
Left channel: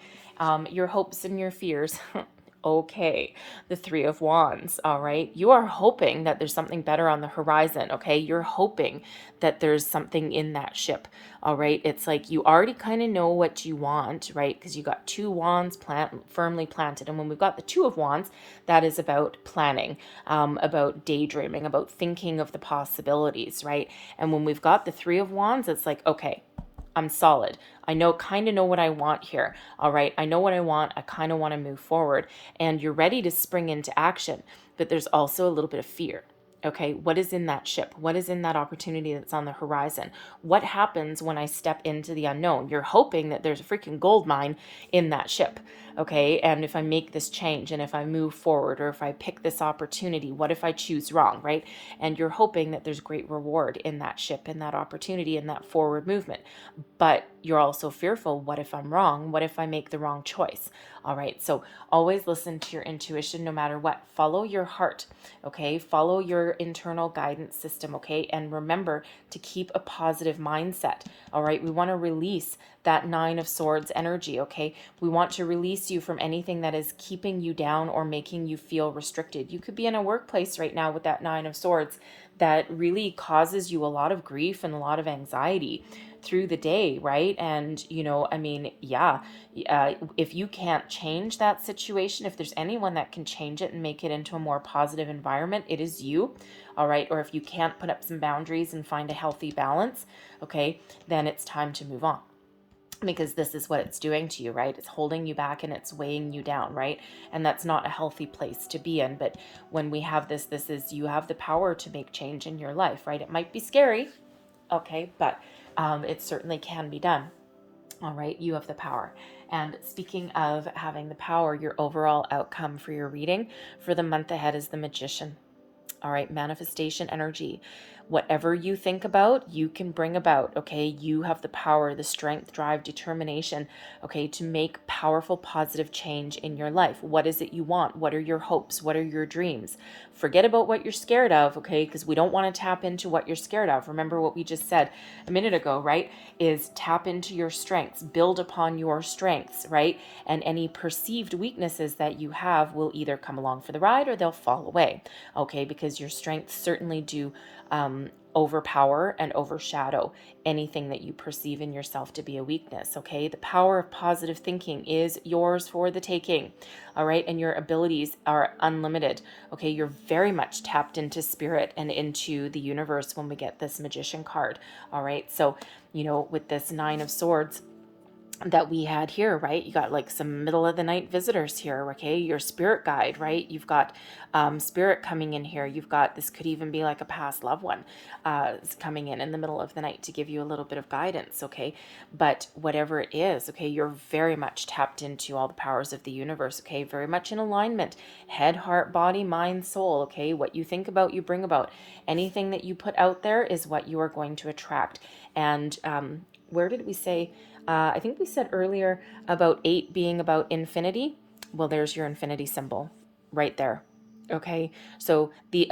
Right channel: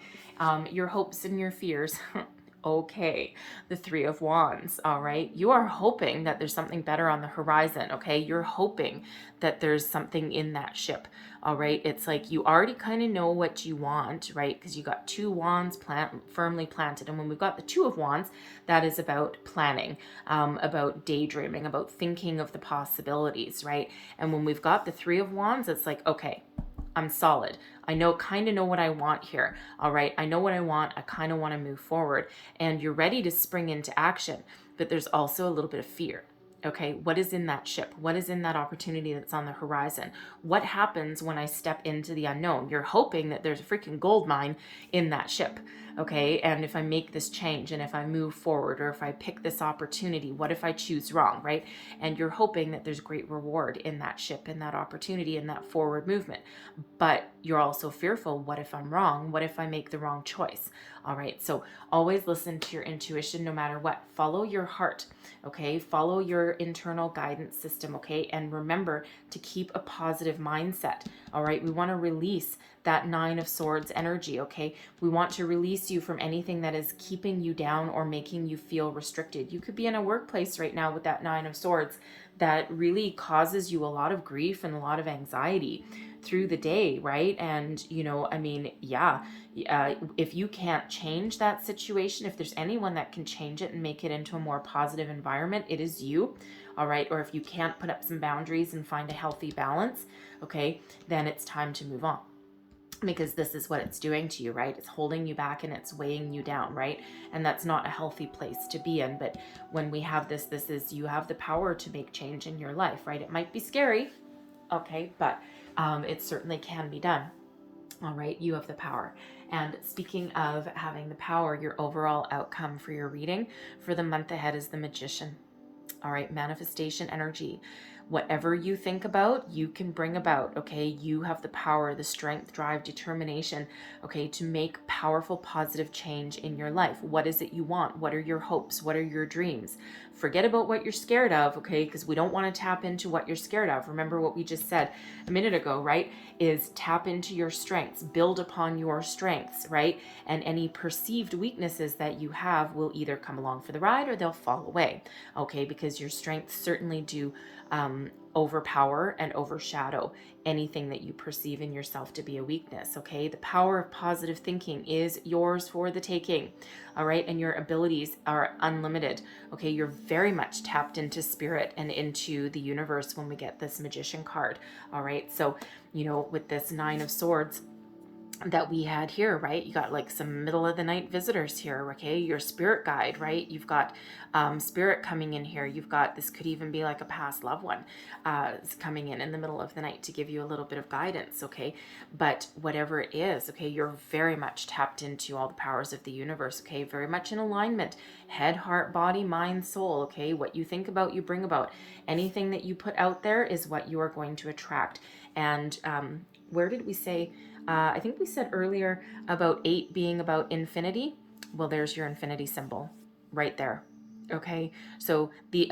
your hopes and your fears. Okay, the Three of Wands. All right, you are hoping that there's something better on the horizon. Okay, you're hoping that there's something in that ship. All right, it's like you already kind of know what you want, right? Because you got two wands firmly planted, and when we've got the Two of Wands, that is about planning, about daydreaming, about thinking of the possibilities, right? And when we've got the Three of Wands, it's like, okay, I'm solid. I kind of know what I want here. All right. I know what I want. I kind of want to move forward and you're ready to spring into action, but there's also a little bit of fear. Okay. What is in that ship? What is in that opportunity that's on the horizon? What happens when I step into the unknown? You're hoping that there's a freaking gold mine in that ship. Okay. And if I make this change and if I move forward or if I pick this opportunity, what if I choose wrong? Right. And you're hoping that there's great reward in that ship, in that opportunity, in that forward movement. But you're also fearful. What if I'm wrong? What if I make the wrong choice? All right. So always listen to your intuition no matter what. Follow your heart. Okay. Follow your internal guidance system. Okay. And remember to keep a positive mindset. All right. We want to release that Nine of Swords energy. Okay. We want to release you from anything that is keeping you down or making you feel restricted. You could be in a workplace right now with that Nine of Swords that really causes you a lot of grief and a lot of anxiety through the day, right? And, if you can't change that situation, if there's anyone that can change it and make it into a more positive environment, it is you, all right? Or if you can't put up some boundaries and find a healthy balance, okay, then it's time to move on. because this is what it's doing to you, right? It's holding you back and it's weighing you down, right? And that's not a healthy place to be in. But when we have this is, you have the power to make change in your life, right? It might be scary, okay, but it certainly can be done. All right, you have the power. And speaking of having the power, your overall outcome for your reading for the month ahead is the Magician. All right, manifestation energy. Whatever you think about, you can bring about, okay? You have the power, the strength, drive, determination, okay, to make powerful, positive change in your life. What is it you want? What are your hopes? What are your dreams? Forget about what you're scared of, okay? Because we don't want to tap into what you're scared of. Remember what we just said a minute ago, right? Is tap into your strengths, build upon your strengths, right? And any perceived weaknesses that you have will either come along for the ride or they'll fall away, okay? Because your strengths certainly do overpower and overshadow anything that you perceive in yourself to be a weakness, okay? The power of positive thinking is yours for the taking, all right? And your abilities are unlimited, okay? You're very much tapped into spirit and into the universe when we get this Magician card, all right? So, you know, with this Nine of Swords that we had here, right? You got like some middle of the night visitors here, okay? Your spirit guide, right? You've got spirit coming in here. You've got, this could even be like a past loved one is coming in the middle of the night to give you a little bit of guidance, okay? But whatever it is, okay, you're very much tapped into all the powers of the universe, okay? Very much in alignment. Head, heart, body, mind, soul, okay? What you think about, you bring about. Anything that you put out there is what you are going to attract. And where did we say... I think we said earlier about 8 being about infinity. Well, there's your infinity symbol right there. Okay, so the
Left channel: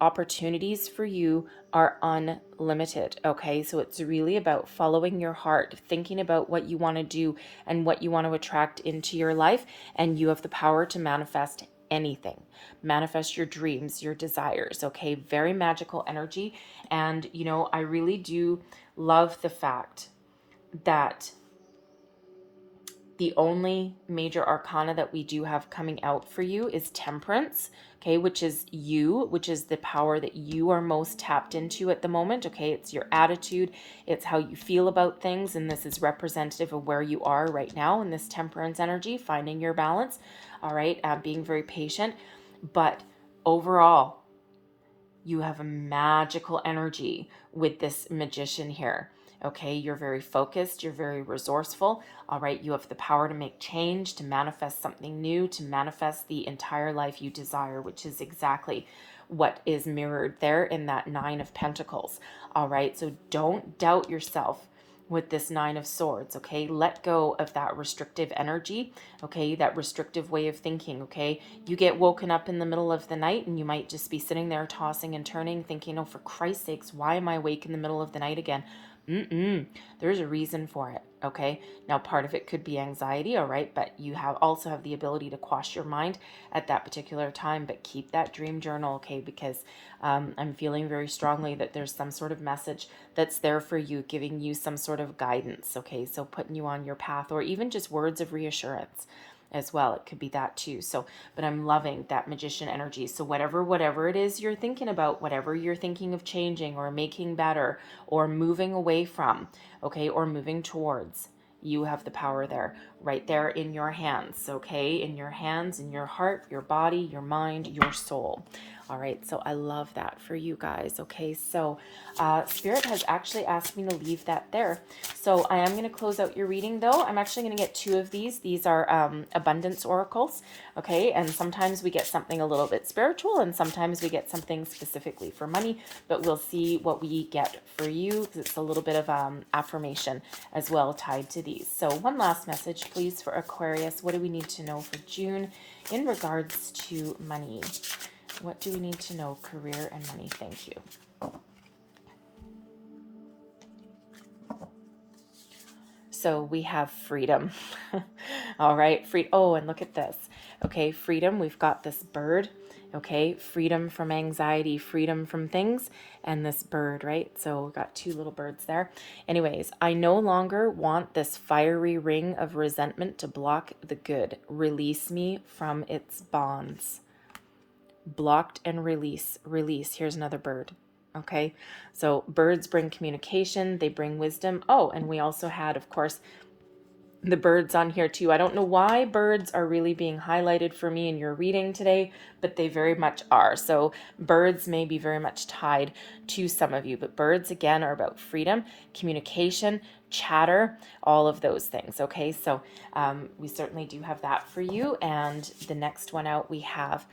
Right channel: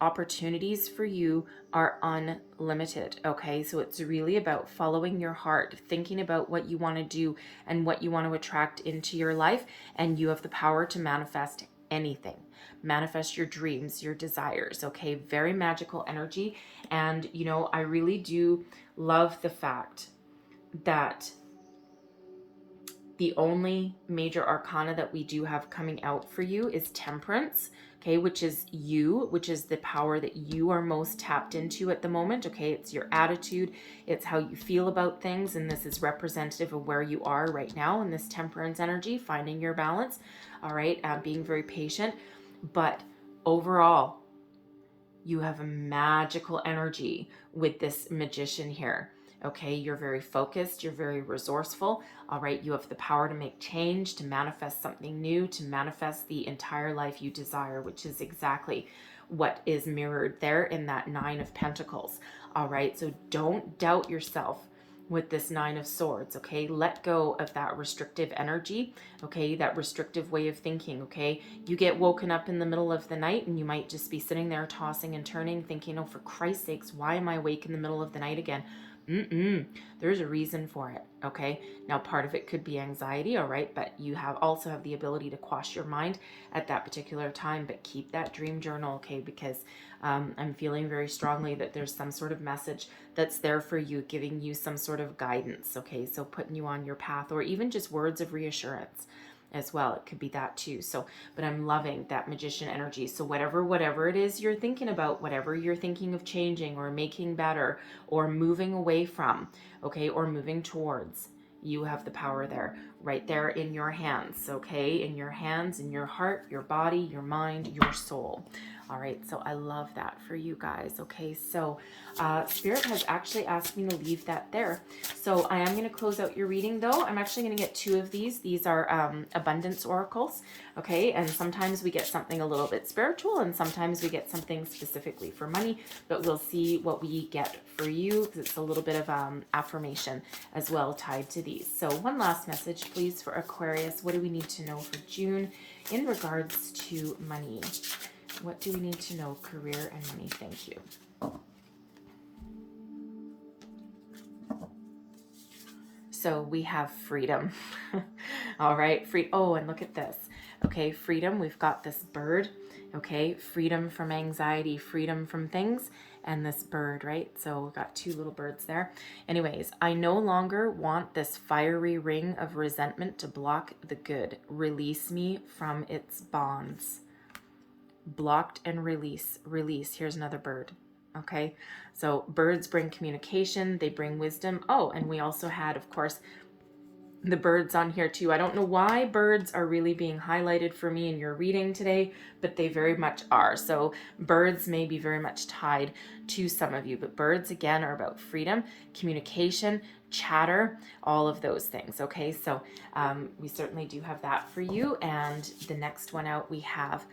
opportunities for you are unlimited. Okay, so it's really about following your heart, thinking about what you want to do and what you want to attract into your life, and you have the power to manifest anything. Manifest your dreams, your desires. Okay, very magical energy. And you know, I really do love the fact that the only major arcana that we do have coming out for you is Temperance, okay, which is you, which is the power that you are most tapped into at the moment, okay? It's your attitude, it's how you feel about things, and this is representative of where you are right now in this Temperance energy, finding your balance, all right, being very patient. But overall, you have a magical energy with this Magician here. Okay, you're very focused, you're very resourceful. All right, you have the power to make change, to manifest something new, to manifest the entire life you desire, which is exactly what is mirrored there in that Nine of Pentacles. All right, so don't doubt yourself with this Nine of Swords, okay? Let go of that restrictive energy, okay? That restrictive way of thinking, okay? You get woken up in the middle of the night and you might just be sitting there tossing and turning thinking, oh, for Christ's sakes, why am I awake in the middle of the night again? There's a reason for it, okay? Now, part of it could be anxiety, all right? But you also have the ability to quash your mind at that particular time, but keep that dream journal, okay? Because I'm feeling very strongly that there's some sort of message that's there for you, giving you some sort of guidance, okay? So putting you on your path, or even just words of reassurance as well. It could be that too. So, but I'm loving that Magician energy. So whatever it is you're thinking about, whatever you're thinking of changing or making better or moving away from, okay, or moving towards, you have the power there, right there in your hands, okay? In your hands, in your heart, your body, your mind, your soul. All right, so I love that for you guys. Okay, so Spirit has actually asked me to leave that there. So I am going to close out your reading, though. I'm actually going to get 2 of these. These are abundance oracles, okay? And sometimes we get something a little bit spiritual, and sometimes we get something specifically for money, but we'll see what we get for you, because it's a little bit of affirmation as well tied to these. So one last message, please, for Aquarius. What do we need to know for June in regards to money? What do we need to know? Career and money. Thank you. So we have freedom. All right. Oh, and look at this. Okay. Freedom. We've got this bird. Okay. Freedom from anxiety, freedom from things, and this bird, right? So we've got 2 little birds there. Anyways, I no longer want this fiery ring of resentment to block the good. Release me from its bonds. Blocked and release. Here's another bird. Okay, so birds bring communication, they bring wisdom. Oh, and we also had, of course, the birds on here too. I don't know why birds are really being highlighted for me in your reading today, but they very much are. So birds may be very much tied to some of you, but birds again are about freedom, communication, chatter, all of those things. Okay, so we certainly do have that for you. And the next one out we have,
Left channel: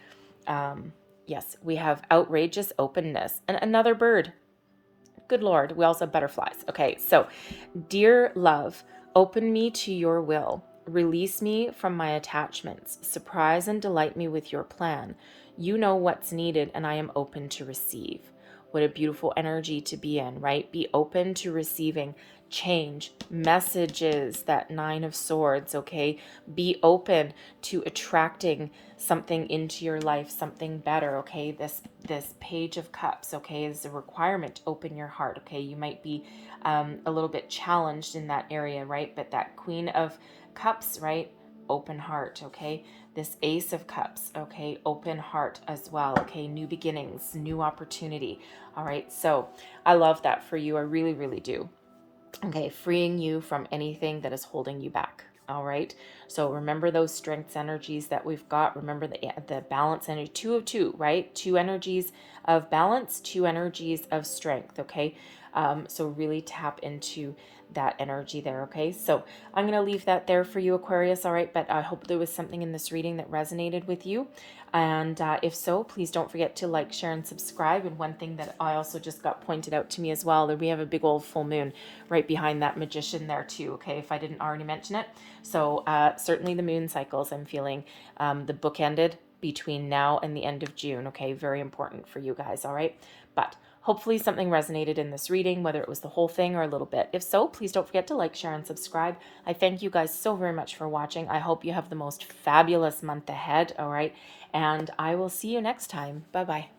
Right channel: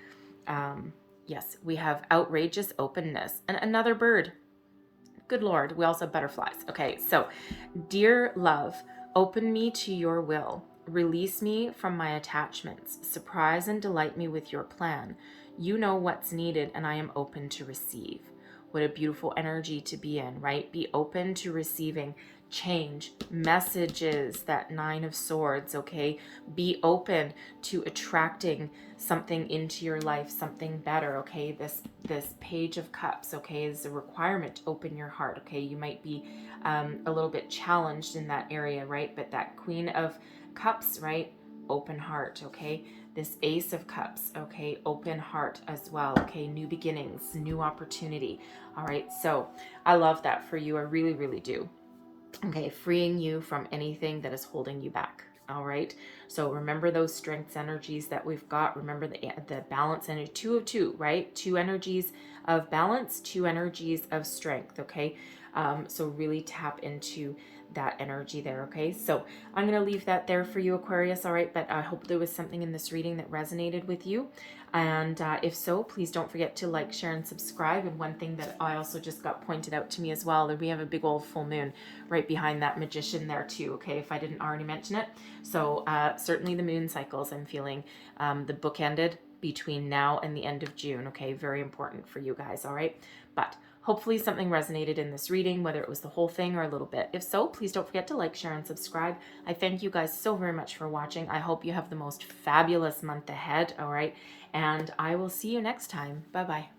yes, we have outrageous openness, and another bird. Good Lord, we also have butterflies. Okay, so dear love, open me to your will. Release me from my attachments. Surprise and delight me with your plan. You know what's needed, and I am open to receive. What a beautiful energy to be in, right? Be open to receiving change, messages, that Nine of Swords, okay? Be open to attracting something into your life, something better, okay? This Page of Cups, okay, is a requirement to open your heart, okay? You might be a little bit challenged in that area, right? But that Queen of Cups, right? Open heart, okay? This Ace of Cups, okay? Open heart as well, okay? New beginnings, new opportunity, all right? So I love that for you. I really, really do. Okay, freeing you from anything that is holding you back. All right. So remember those strengths energies that we've got. Remember the balance energy, two of two, right? Two energies of balance, two energies of strength. Okay. So really tap into that energy there. Okay. So I'm going to leave that there for you, Aquarius. All right. But I hope there was something in this reading that resonated with you. And if so, please don't forget to like, share, and subscribe. And one thing that I also just got pointed out to me as well, that we have a big old full moon right behind that Magician there too, okay, if I didn't already mention it. So certainly the moon cycles, I'm feeling the book ended between now and the end of June, okay, very important for you guys, all right? But hopefully something resonated in this reading, whether it was the whole thing or a little bit. If so, please don't forget to like, share, and subscribe. I thank you guys so very much for watching. I hope you have the most fabulous month ahead, all right? And I will see you next time. Bye-bye.